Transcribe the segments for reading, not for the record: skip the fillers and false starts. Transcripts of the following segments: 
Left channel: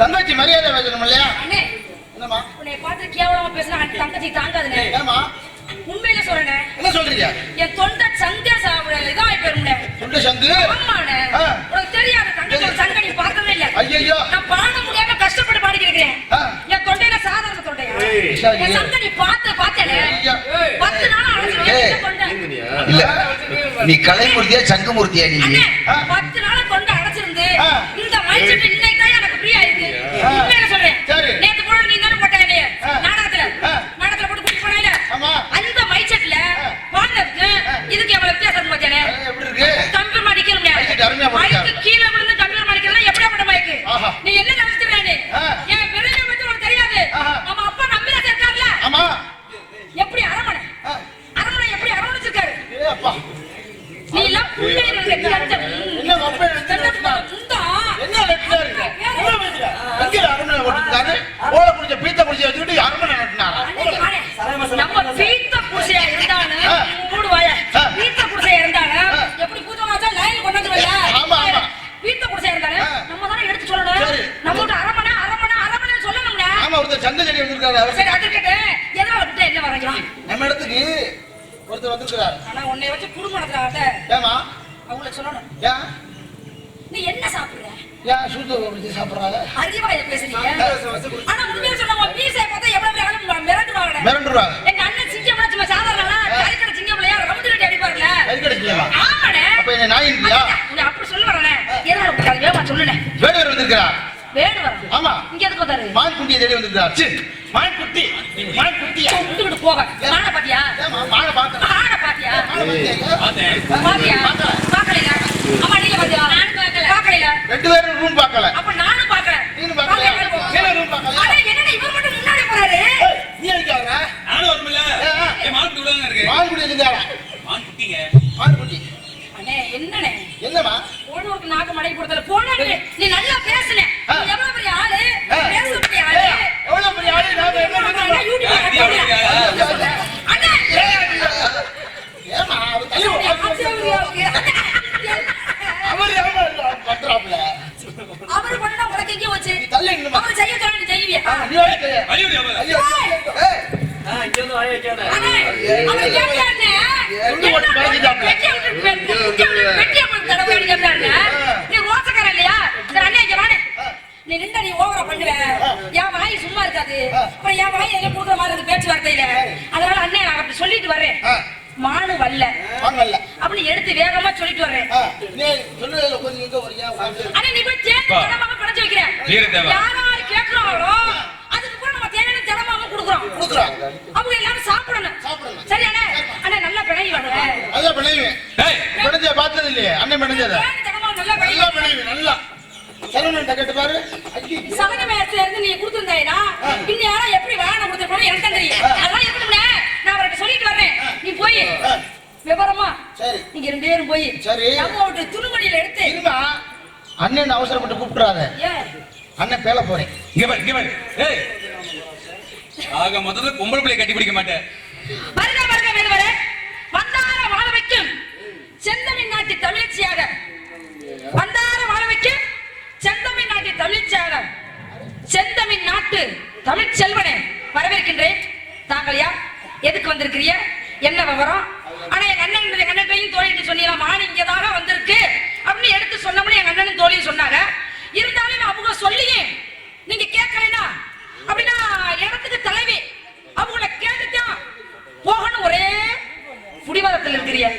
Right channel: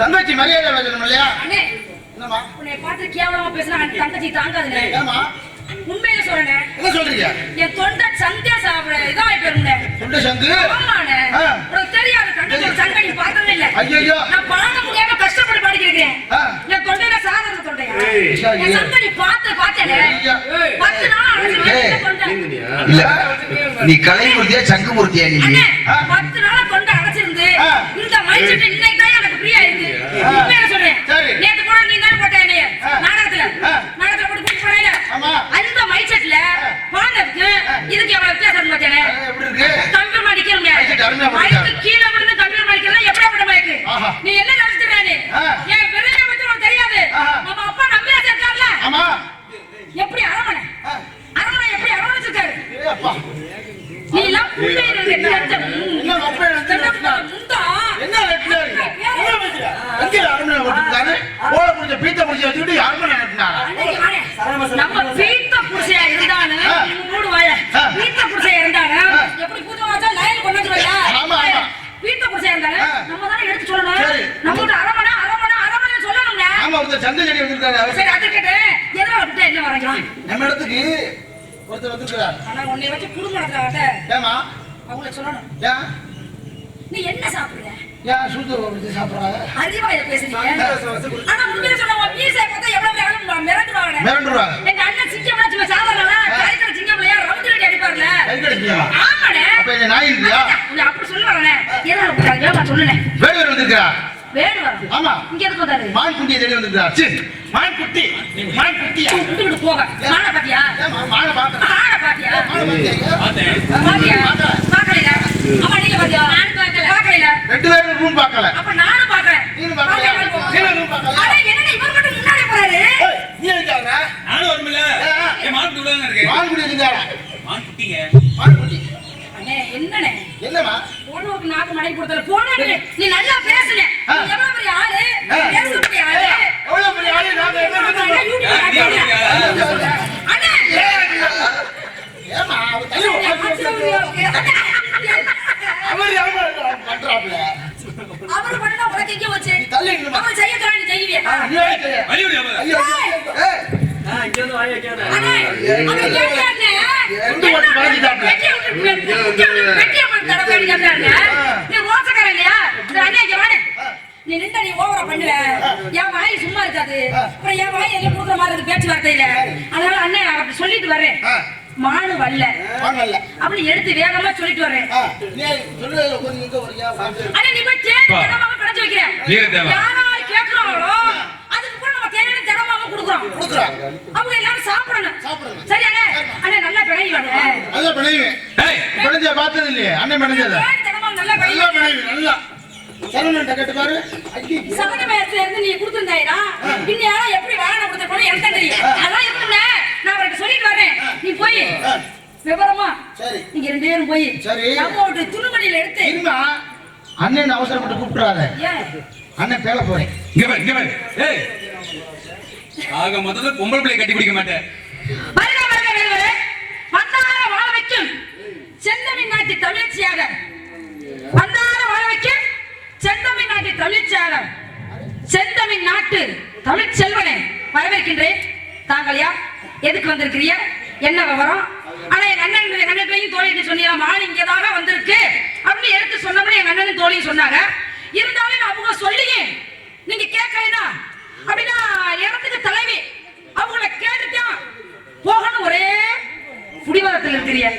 தங்கச்சி மரியாதை வேணும் இல்லையா? உன்னை பார்த்து கேவலமா பேசினா தங்கச்சி தாங்காதுனே. உண்மையில சொல்றேன். என்ன சொல்றீங்க? என் தொண்டை சந்தே சாப்பிட இதாய் போயிருந்தே. தொண்டை சந்து? ஆமாண்ணே. உனக்கு தெரியாது தங்கச்சி சங்க நீ பார்த்ததே இல்ல. ஐயோ நான் பாட முடியாம கஷ்டப்பட்டு பாடிக்கிறேன். என் தொண்டையில சாதாரண தொண்டையா? என் சங்க நீ பார்த்தேனே. 10 நாள் அடைச்சிருந்தே. இல்ல நீ கலைமூர்த்தியா சங்குமூர்த்தியா நீ? 10 நாள் தொண்டை அடைச்சிருந்து இந்த மைண்ட் இன்னைக்கு தான் எனக்கு ஃப்ரீ ஆயிருக்கு. உண்மையில சொல்றேன். நேத்து கூட நீ தான் போட்ட என்னைய நாடகத்துல போட்டு கூட்டி போனேல. அந்த மைச்சட்ல பானதுக்கு இதுக்கு எவ்வளவு வித்தியாசம் பார்த்தேனே. எப்படி இருக்கு? கம்பி மடிக்கிறீங்க. மைக்கு கீழ விழுந்து கம்பி மடிக்கிறலாம் எப்படி அப்படி மைக்கு? நீ என்ன நினைச்சிட்டே நீ? ஏன் பெரிய வந்து உனக்கு தெரியாது. நம்ம அப்பா நம்பிராஜ் இருக்கார்ல? ஆமா. எப்படி அரமனை எப்படி அரமணிச்சிருக்காரு? அப்பா நீ எல்லாம் புள்ளை இருக்கு. என்ன அப்பா என்ன வெட்டினாரு? என்ன வெட்டினா? எங்க அரமனை ஓட்டிட்டாரு? ஓல புடிச்ச பீத்த புடிச்ச வச்சுட்டு அரமனை வெட்டினாரா? நம்ம பீத்த புடிச்சையா இருந்தானே மூடு வாய. பீத்த புடிச்சையா இருந்தானே எப்படி பூஜை வாச்சா லைன் கொண்டு வரல. ஆமா ஆமா. பீத்த புடிச்சையா இருந்தானே நம்ம தான எடுத்து சொல்லணும். நம்மட்ட அரமனை சொல்லணும்ங்க. ஆமா ஒருத்தர் சந்தை செடி வந்திருக்காரு. சரி அது கேட்டு எதனால விட்டு என்ன வரைக்கும்? நம்ம இடத்துக்கு ஒருத்தர் வந்திருக்காரு. ஆனா உன்னை வச்சு குடும்பம் நடத்துறாங்க. ஏமா அவங்களுக்கு சொல்லணும். ஏன் நீ என்ன சாப்பிடுற? ஏன் சூத்து வச்சு சாப்பிடுறாங்க? அறிவா இத பேசுறீங்க. ஆனா உண்மையிலே சொன்னா உன் பீஸை பார்த்தா எவ்வளவு மிரண்டுவாங்க. எங்க அண்ணன் சிங்கம்னா சும்மா சாதாரணமா கறிக்கடை சிங்கம்லையா ரவுண்ட் ரெடி அடிப்பார்ல. கறிக்கடை சிங்கமா? ஆமாண்ணே. அப்ப என்ன நாய் இல்லையா? நீ அப்படி சொல்லுவானே. எதனால கூப்பிட்டாங்க? வேமா சொல்லுனே. வேடுவர் வந்திருக்கா? வேடுவர்? ஆமா. இங்க எதுக்கு வந்தாரு? மான் குட்டியை தேடி வந்திருக்கா. சி மான் குட்டியா? விட்டு போக. மான பாத்தியா? மான பாத்தேன். மான பாத்தியா? பார்த்தேன். பாக்கலையா? ஆமா நீங்க பாத்தியா? நான் பார்க்கல. பாக்கலையா? ரெண்டு பேரும் ரூம் பார்க்கல. அப்ப நானும் பார்க்கல. நீங்க பார்க்கல. நீங்க ரூம் பார்க்கல. அட என்னடா இவர் மட்டும் முன்னாடி போறாரு? நீ எங்கடா? நானும் வரமில்ல. ஏ மான் குட்டி உள்ள இருக்கு. மான் குட்டி எங்கடா? மான் குட்டிங்க. மான் குட்டி. அண்ணே என்னனே? என்னமா? போனோக்கு நாக்கு மடை போடுதல. போனே நீ நல்லா பேசுனே. நீ எவ்வளவு பெரிய ஆளு? பேசக்கூடிய ஆளு. எவ்வளவு பெரிய ஆளு? நான் என்ன யூடியூப்ல அண்ணே ஏமா அவ தலைய அவர் யாரோ பண்றாப்ல. அவர் பண்ணா உனக்கு எங்க வச்சு? தள்ளி நின்னு அவர் செய்ய சொல்றா நீ செய்வியா? நீ செய்ய. வலியுடைய ஐயோ ஏய் இங்க வந்து வாயை கேடா. அண்ணே அவர் கேட்டானே. குண்டு போட்டு வளைஞ்சிட்டாப்ல. வெட்டிய போட்டு தடவை அடிக்கறானே. நீ ரோசக்கார இல்லையா? சரி அண்ணே இங்க வாடே. நீ நின்ன நீ ஓவரா பண்ணுவ. என் வாய் சும்மா இருக்காது. அப்புறம் என் வாய் எல்லாம் குடுக்குற மாதிரி இருக்கு பேச்சு வார்த்தையில. அதனால அண்ணே அப்படி சொல்லிட்டு வரேன். மானு வல்ல அப்படி எடுத்து வேகமா சொல்லிட்டு வரேன். நீ சொல்லுங்க கொஞ்சம் இங்க வரியா? அண்ணே நீ போய் தேடி ஜனமாவை கடைச்சு வைக்கிறேன். யாராரு கேக்குறாங்களோ அதுக்கு கூட நம்ம தேடி ஜனமாவை குடுக்குறோம். அவங்க எல்லாரும் சாப்பிடணும். சரி அண்ணே. அண்ணே நல்லா பிணைவி வாங்க. நல்லா பிணைவி. ஏய் பிணைஞ்ச பார்த்தது இல்லையே. அண்ணே பிணைஞ்சத. ஜனமாவை நல்லா பிணைவி. நல்லா சரவணன்ட்ட கேட்டு பாரு. ஐயோ. சமண வயசுல இருந்து நீ கொடுத்திருந்தாயிடா இன்னும் யாரும் எப்படி வாகனம் கொடுத்திருப்பானோ எனக்கு தான் தெரியும். அதெல்லாம் எப்படின்னு நான் அவர்கிட்ட சொல்லிட்டு வர்றேன். நீ போய் விவரமா சரி. நீங்க 2 பேரும் போய் சரி. நம்ம ஒரு துணுமணியில எடுத்து இருமா. அண்ணன் அவசரப்பட்டு கூப்பிட்டுறாத. ஏன் அண்ணன் பேல போறேன். இங்க பாரு. ஏய். ஆக மொத்தத்துல பொம்பளை பிள்ளை கட்டி பிடிக்க மாட்டேன். வருக வருக வேறுவரே வந்தார வாழ வைக்கும் செந்தமிழ் நாட்டு தமிழ்ச்சியாக வந்தார வாழ வைக்கும் செந்தமிழ் நாட்டு தமிழ்ச்சியாக செந்தமிழ் நாட்டு தமிழ் செல்வனே வரவேற்கின்றேன். தாங்கள் யார், எதுக்கு வந்திருக்கிறீங்க, என்ன விவரம்? ஆனா எங்க அண்ணன் தோழிட்டு சொன்னீங்க மான் இங்கதாக வந்திருக்கு அப்படின்னு எடுத்து சொன்னபடி எங்க அண்ணனும் தோழியும் சொன்னாங்க. இருந்தாலும் அவங்க சொல்லியே நீங்க கேட்கலைன்னா அப்படின்னா இடத்துக்கு தலைவி அவங்கள கேட்டுதான் போகணும். ஒரே புடிவாதத்தில் இருக்கிறீங்க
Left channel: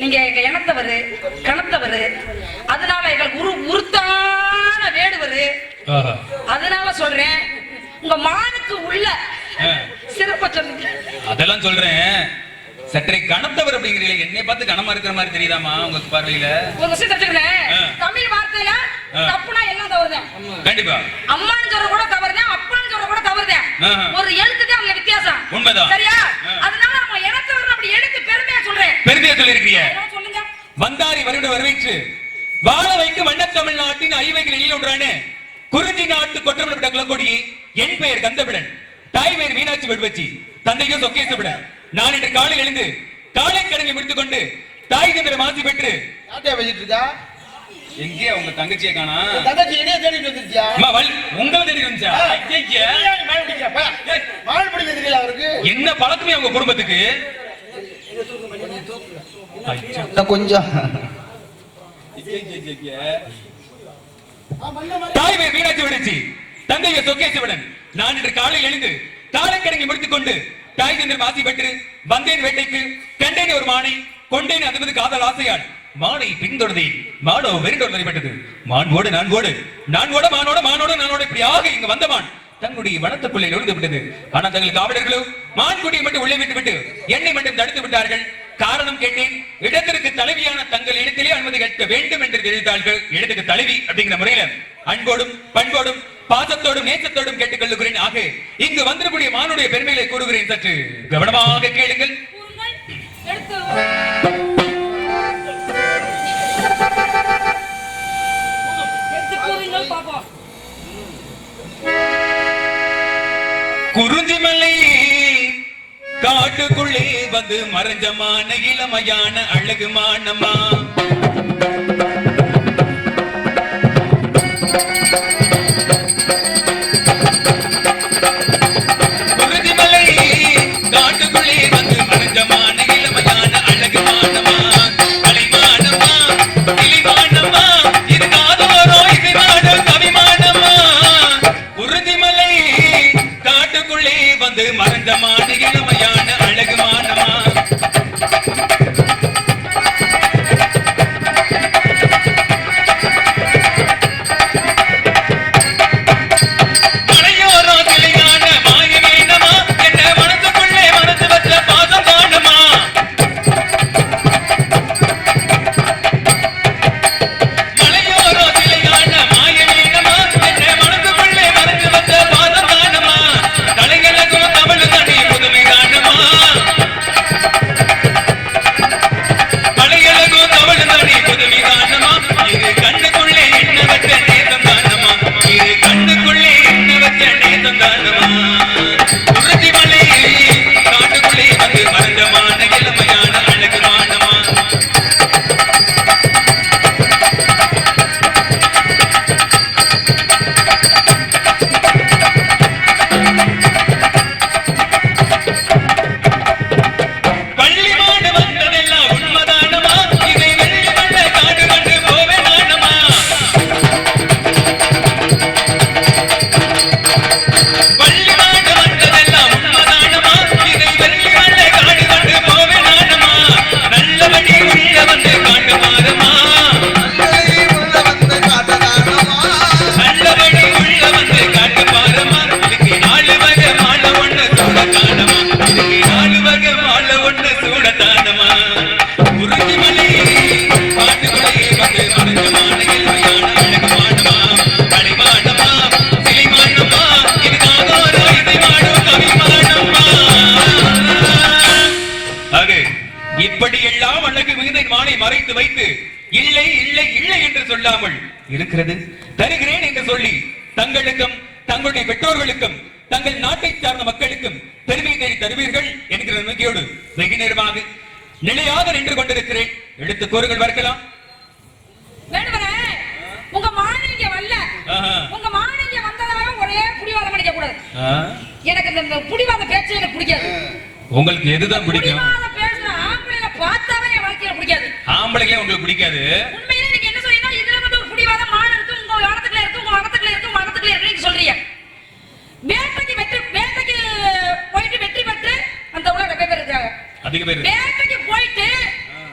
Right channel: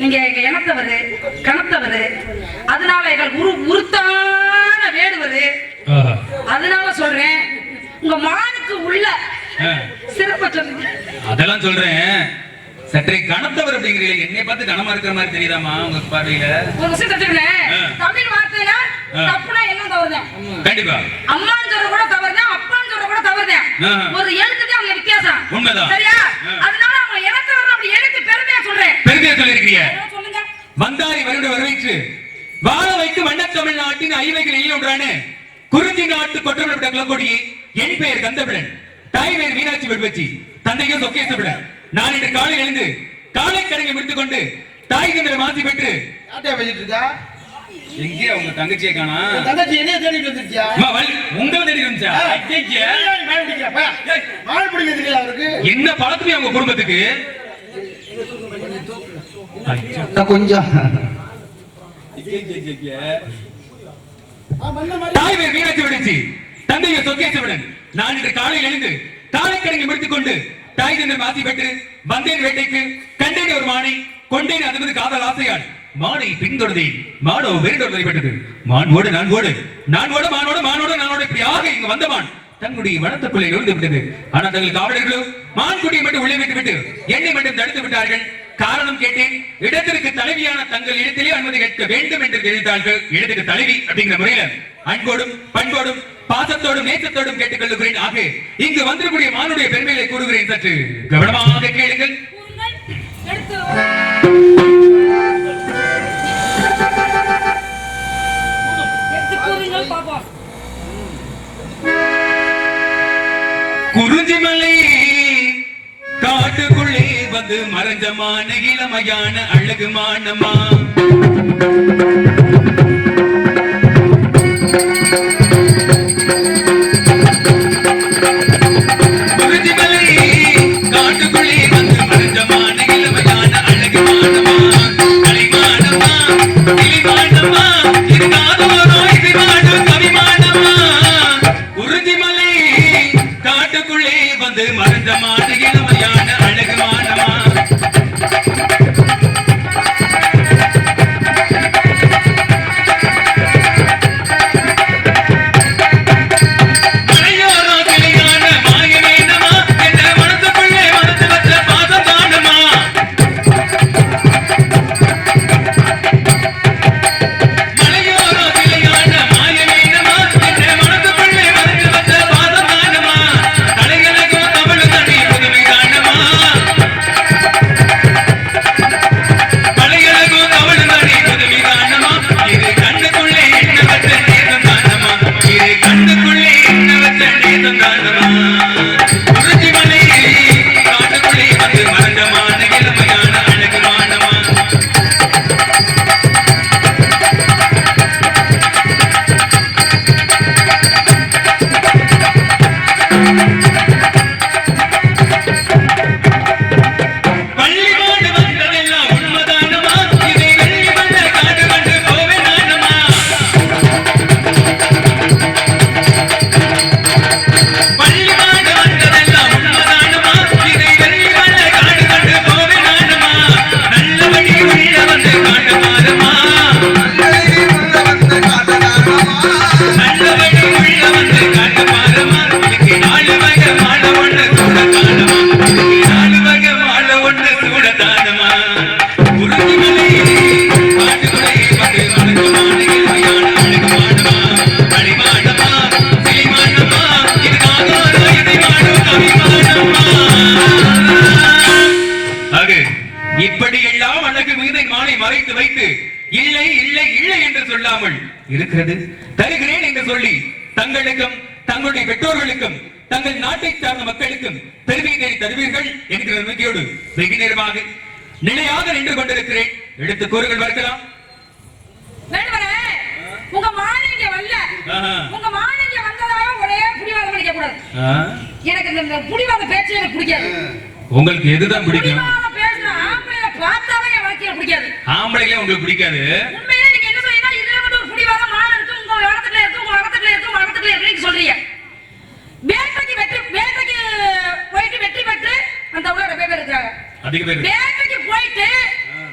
நீங்க. எங்க இனத்தவரு கணத்தவரு, அதனால எங்களுக்கு உருத்தான வேடுவரு. அதனால சொல்றேன் உங்க மானுக்கு உள்ள சிறப்ப சொல்லுங்க. அதெல்லாம் சொல்றேன். சற்றே கணத்தவர் அப்படிங்கிறீங்க. என்னை பார்த்து கனமா இருக்கிற மாதிரி தெரியுதாமா உங்க பார்வையில? ஒரு விஷயம் தெரிஞ்சுக்கிறேன். தமிழ் வார்த்தையில தப்புனா எல்லாம் தவறுதான். கண்டிப்பா. அம்மான்னு சொல்ற கூட தவறுதான், அப்பான்னு சொல்ற கூட தவறுதான். ஒரு எழுத்துக்கு அவங்க வித்தியாசம். உண்மைதான். சரியா? அதனால அவங்க இனத்தவர் அப்படி எழுத்து பெருமையா சொல்றேன். பெருமையா சொல்லிருக்கீங்க. சொல்லுங்க. வந்தாரி வருட வரவேற்று வாழ வைத்து வண்ண தமிழ்நாட்டின் ஐவைகள் எழில் ஒன்றான குறிஞ்சி நாட்டு கொற்றமிழப்பட்ட குலக்கொடி என் பெயர் கந்தபிடன், தாய் பெயர் மீனாட்சி வெடுவச்சி, தந்தையும் சொக்கேசபிடன். நான் இன்று காலை எழுந்து காலை கடனை முடித்துக் கொண்டு தாய் தந்திர மாசி பெற்று யார்கிட்ட பேசிட்டு இருக்கா? எங்கே உங்க தங்கச்சியை காணா? தங்கச்சி என்னைய தேடிட்டு வந்துருச்சியா? உங்களை தேடி வந்துச்சா? ஐயா, மாடு பிடிக்க தெரியல அவருக்கு. என்ன பழக்கமே உங்க குடும்பத்துக்கு? கொஞ்சம் தாய் பெயர் மீனாட்சி வெடுவச்சி, தந்தையை சொக்கேசபிடன். நான் இன்று காலையில் எழுந்து காலை கடனை முடித்துக் கொண்டு தாய் தந்திர மாசி பெற்று வந்தேன் வேட்டைக்கு. கண்டேன் ஒரு மானை, கொண்டேன் அது காதல் ஆசையால் மானை பின்தொடர்ந்தேன். மானோ வெறிடோடு வழிபட்டது. மானோடு நான் ஓடு, நான் ஓட மானோட மானோட நானோட இப்படியாக இங்கு வந்த மான் தன்னுடைய வனத்துக்குள்ளே நுழைந்து விட்டது. ஆனால் தங்கள் காவலர்களோ மான்குட்டியை மட்டும் உள்ளே விட்டு விட்டு என்னை மட்டும் தடுத்து விட்டார்கள். காரணம் கேட்டேன். இடத்திற்கு தலைவியான தங்கள் இடத்திலே அனுமதி கேட்க வேண்டும் என்று தெரிவித்தார்கள். இடத்துக்கு தலைவி அப்படிங்கிற முறையில அன்போடும் பண்போடும் பாசத்தோடும் நேசத்தோடும் கேட்டுக் கொள்ளுகிறேன். ஆக இங்கு வந்திருக்கூடிய மானுடைய பெருமைகளை கூறுகிறேன். சற்று கவனமாக கேளுங்கள். குறிஞ்சிமலை காட்டுக்குள்ளே வந்து மறைஞ்சமான இளமையான அழகு மானமா. குறிஞ்சிமலை காட்டுக்குள்ளே வந்து மறைஞ்சமான இளமையான அழகு மானமா. கலைமானமா கிளிமானமா இருக்காதோரோ இசைமான கவிமானமா. குறிஞ்சிமலை காட்டுக்குள்ளே வந்து மறைஞ்சமான இளமையான அழகு மானமா. இல்லை இல்லை இல்லை என்று சொல்லாமல் இருக்கிறது. தருகிறேன் என்று சொல்லி தங்களுக்கும் தங்களுடைய பெற்றோர்களுக்கும் தங்கள் நாட்டை சார்ந்த மக்களுக்கும் பெருமை தேடி தருவீர்கள் என்கிற நம்பிக்கையோடு வெகு நேரமாக நிலையாக நின்று கொண்டிருக்கிறேன். எடுத்து கூறுகள் பார்க்கலாம். உங்க மானிங்க வரல, உங்க மானிங்க வந்ததாவே ஒரே புடிவாதம் பண்ணிக்க கூடாது. எனக்கு இந்த புடிவாத பேச்சு எனக்கு பிடிக்காது. உங்களுக்கு எதுதான் பிடிக்கும்? புடிவாத பேசுற ஆம்பளைய பார்த்தாவே என் வாழ்க்கையில பிடிக்காது. ஆம்பளைங்களே உங்களுக்கு பிடிக்காது? உண்மையிலே நீங்க என்ன சொல்றீங்கன்னா இதுல வந்து ஒரு புடிவாத மான இருக்கு, உங்க இடத்துல இருக்கு, உங்க இடத்துல இருக்கு, உங்க இடத்துல இருக்கு சொல்றீங்க. வேட்டைக்கு போயிட்டு வெற்றி பெற்று அந்த ஊர்ல ரொம்ப பேர் இருக்காங்க. அதிக பேர் வேட்டைக்கு போயிட்டு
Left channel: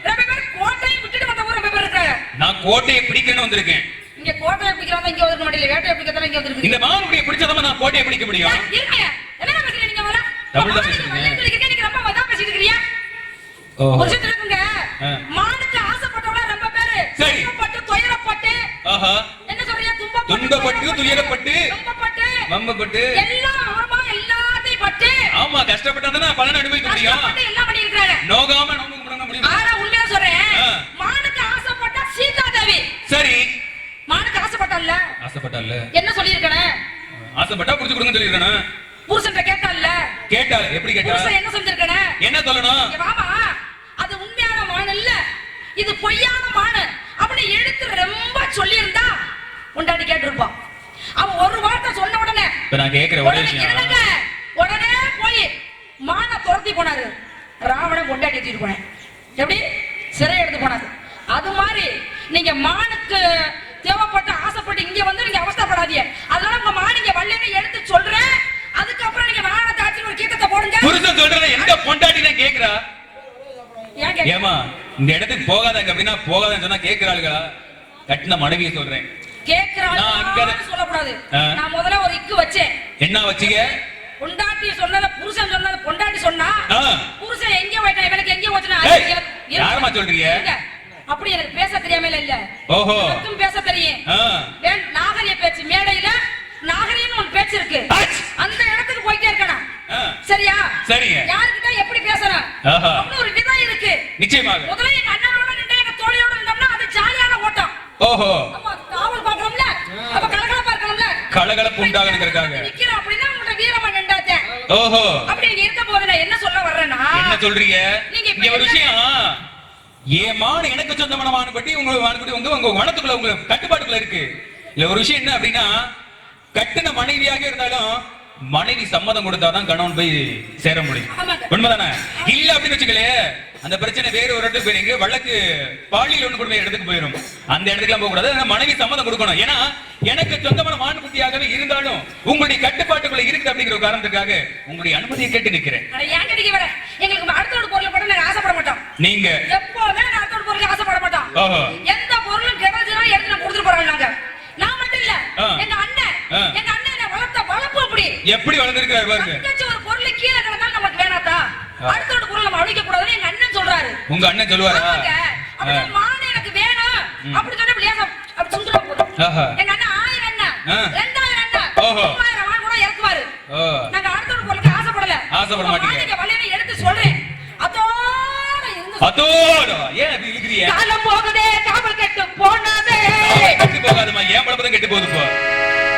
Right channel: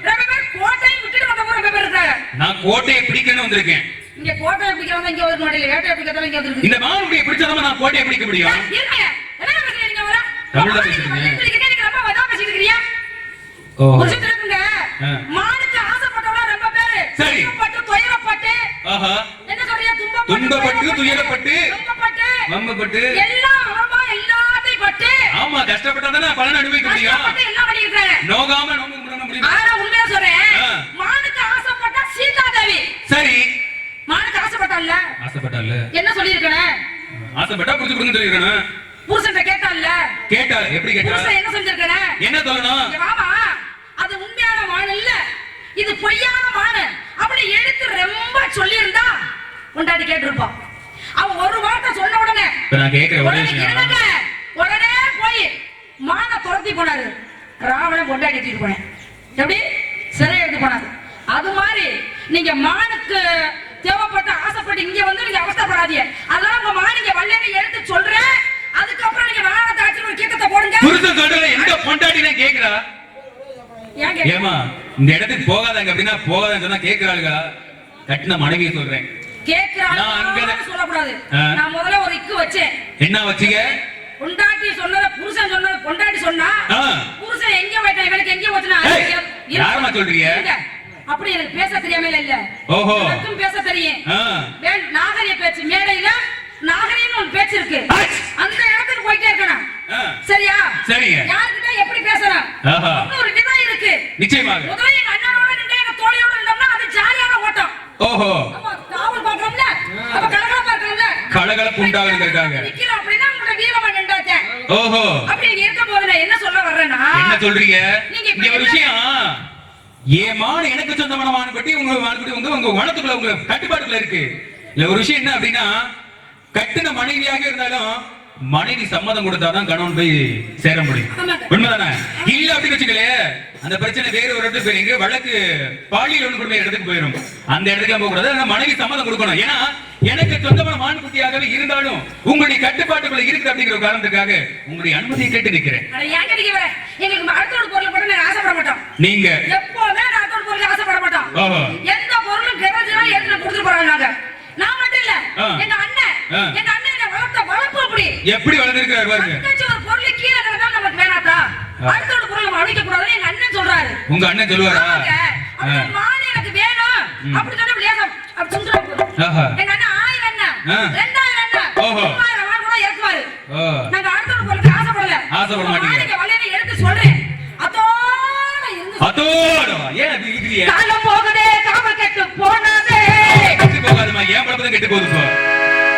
ரொம்ப பேர் கோட்டையை விட்டுட்டு வந்த ஊர்ல ரொம்ப பேர் இருக்காங்க. நான் கோட்டையை பிடிக்கணும்னு வந்திருக்கேன். இங்க கோட்டையை பிடிக்கிறவங்க இங்க வந்து மாட்டீங்க, வேட்டையை பிடிக்கிறவங்க இங்க வந்து. இந்த மானுடைய பிடிச்சதமா நான் கோட்டையை பிடிக்க முடியும்? இருங்க, என்ன பேசுறீங்க நீங்க வர? தமிழ்ல பேசுறீங்க. நீங்க ரொம்ப வதா பேசிட்டு இருக்கீங்க. புரிஞ்சுட்டு இருக்குங்க. மானுக்கு ஆசைப்பட்டவங்க ரொம்ப பேர் துன்பப்பட்டு துயரப்பட்டு. என்ன சொல்றீங்க? துன்பப்பட்டு துயரப்பட்டு வம்பப்பட்டு எல்லாம் ஆமா எல்லாத்தையும் பட்டு. ஆமா, கஷ்டப்பட்டதானே பலன் அனுபவிக்க முடியும். எல்லாம் பண்ணிருக்காங்க. நோகாம நோக்க முடியும். ஆனா உண்மையா சொல்றேன், மானுக்கு ஆசைப்பட்ட சீதா தேவி. சரி, மானுக்கு ஆசைப்பட்டால்ல? ஆசைப்பட்டால்ல. என்ன சொல்லிருக்கணும்? ஆசைப்பட்டா புடிச்சு கொடுங்க சொல்லிருக்கணும். புருஷன்ட்ட கேட்டால்ல? கேட்டா எப்படி கேட்டா? புருஷன் என்ன செஞ்சிருக்கணும்? என்ன சொல்லணும்? வாமா, அது உண்மையான மான் இல்ல, இது பொய்யான மான் அப்படி எடுத்து ரொம்ப சொல்லி இருந்தா உண்டாடி கேட்டிருப்பான். அவன் ஒரு வார்த்தை சொன்ன உடனே நான் கேக்குற ஒரே விஷயம், உடனே போய் மான துரத்தி போனாரு. ராவணன் கொண்டாடி எடுத்துட்டு போனேன், எப்படி சிறை எடுத்து போனாரு. அது மாதிரி நீங்க மானுக்கு தேவைப்பட்ட ஆசைப்பட்டு இங்க வந்து நீங்க அவஸ்தைப்படாதீங்க. அதனால உங்க மான இங்க வல்லேன்னு எடுத்து சொல்றேன். அதுக்கப்புறம் நீங்க வானத்தை தாட்சி ஒரு கீதத்தை போடுங்க. புருஷன் சொல்றத எங்க பொண்டாட்டினே கேக்குறா? ஏமா இந்த இடத்துக்கு போகாதங்க அப்படின்னா போகாதன்னு சொன்னா கேக்குறாளுங்க. கட்டின மனைவியை சொல்றேன், சொல்லக்கூடாது. நான் முதல்ல ஒரு இக்கு வச்சேன். என்ன வச்சீங்க? பொண்டாட்டி சொன்னத புருஷன் சொன்னத பொண்டாட்டி சொன்னா புருஷன் எங்க போயிட்டான் இவனுக்கு எங்க போச்சுனா யாரமா சொல்றீங்க? அப்படி எனக்கு பேச தெரியாம இல்ல. ஓஹோ, எனக்கும் பேச தெரியும். நாகரிக பேச்சு மேடையில நாகரிகம்னு ஒரு பேச்சு இருக்கு, அந்த இடத்துக்கு போயிட்டே இருக்கணும். சரியா? சரிங்க. யார்கிட்ட எப்படி பேசணும் ஒரு விதம் இருக்கு. நிச்சயமாக. முதல்ல எங்க அண்ணனோட நின்று எங்க தோழியோட நின்றோம்னா அது ஜாலியான ஓட்டம். ஓஹோ, காவல் பாக்குறோம்ல, அப்ப கலகலப்பா இருக்கணும்ல, கலகலப்பு உண்டாகுறதுக்காக நிக்கிறோம். அப்படின்னா உங்களோட வீரமா நின்றாச்சே. ஓஹோ, அப்படி இருக்க போது நான் என்ன சொல்ல வர்றேன்னா, என்ன சொல்றீங்க? இங்க ஒரு விஷயம், ஏமான எனக்கு சொந்தமான மானுபட்டி உங்க மானுபட்டி உங்க வனத்துக்குள்ள உங்க கட்டுப்பாட்டுக்குள்ள இருக்கு. இல்ல ஒரு விஷயம் என்ன அப்படின்னா, கட்டின மனைவியாக இருந்தாலும் மனைவி சம்மதம் கொடுத்தாதான் கணவன் போய் சேர முடியும். உண்மைதானே? இல்ல அப்படின்னு வச்சுக்கலே அந்த பிரச்சனை வேற ஒரு இடத்துக்கு போயிருங்க, வழக்கு பாலியல் ஒண்ணு கொடுமை இடத்துக்கு போயிடும். அந்த இடத்துக்கு போக கூடாது, மனைவி சம்மதம் கொடுக்கணும். ஏன்னா எனக்கு சொந்தமான மான்குட்டியாகவே இருந்தாலும் உங்களுடைய கட்டுப்பாட்டுக்குள்ள இருக்குது அப்படிங்கிற காரணத்துக்காக உங்களுடைய அனுமதியை கேட்டு நிக்கிறேன். எங்களுக்கு அடுத்த பொருள் போட்டு நாங்க ஆசைப்பட மாட்டோம். நீங்க எப்போதுமே அடுத்த பொருளுக்கு ஆசைப்பட மாட்டோம். எந்த பொருளும் கிடைச்சா எடுத்து கொடுத்துட்டு போறாங்க. நாங்க நான் மட்டும் இல்ல, எங்க அண்ணன் என்ன வளர்த்த வளர்ப்பு அப்படி எப்படி வளர்ந்திருக்காரு பாருங்க. ஒரு பொருள் கீழே கிடந்தா நமக்கு வேணாதா, அடுத்த பொருள் நம்ம அழிக்க கூடாதுன்னு எங்க அண்ணன் சொல்றாரு. உங்க அண்ணன் சொல்லுவாரா? மான் எனக்கு வேணும் அப்படி சொன்னா விளையாட அப்படி சொல்றோம். எங்க அண்ணன் 1000 அண்ணன் 2000 அண்ணன் 3000 மான் கூட இறக்குவாரு. நாங்க அடுத்த பொருளுக்கு ஆசைப்பட மாட்டீங்க. நீங்க வளையனை எடுத்து சொல்றேன். அதோட ஏன் அது இருக்கிறீங்க? காலம் போகுதே காவல் கெட்டு போனதே. கெட்டு போகாதமா, ஏன் பழப்பதான் கெட்டு போகுது போ.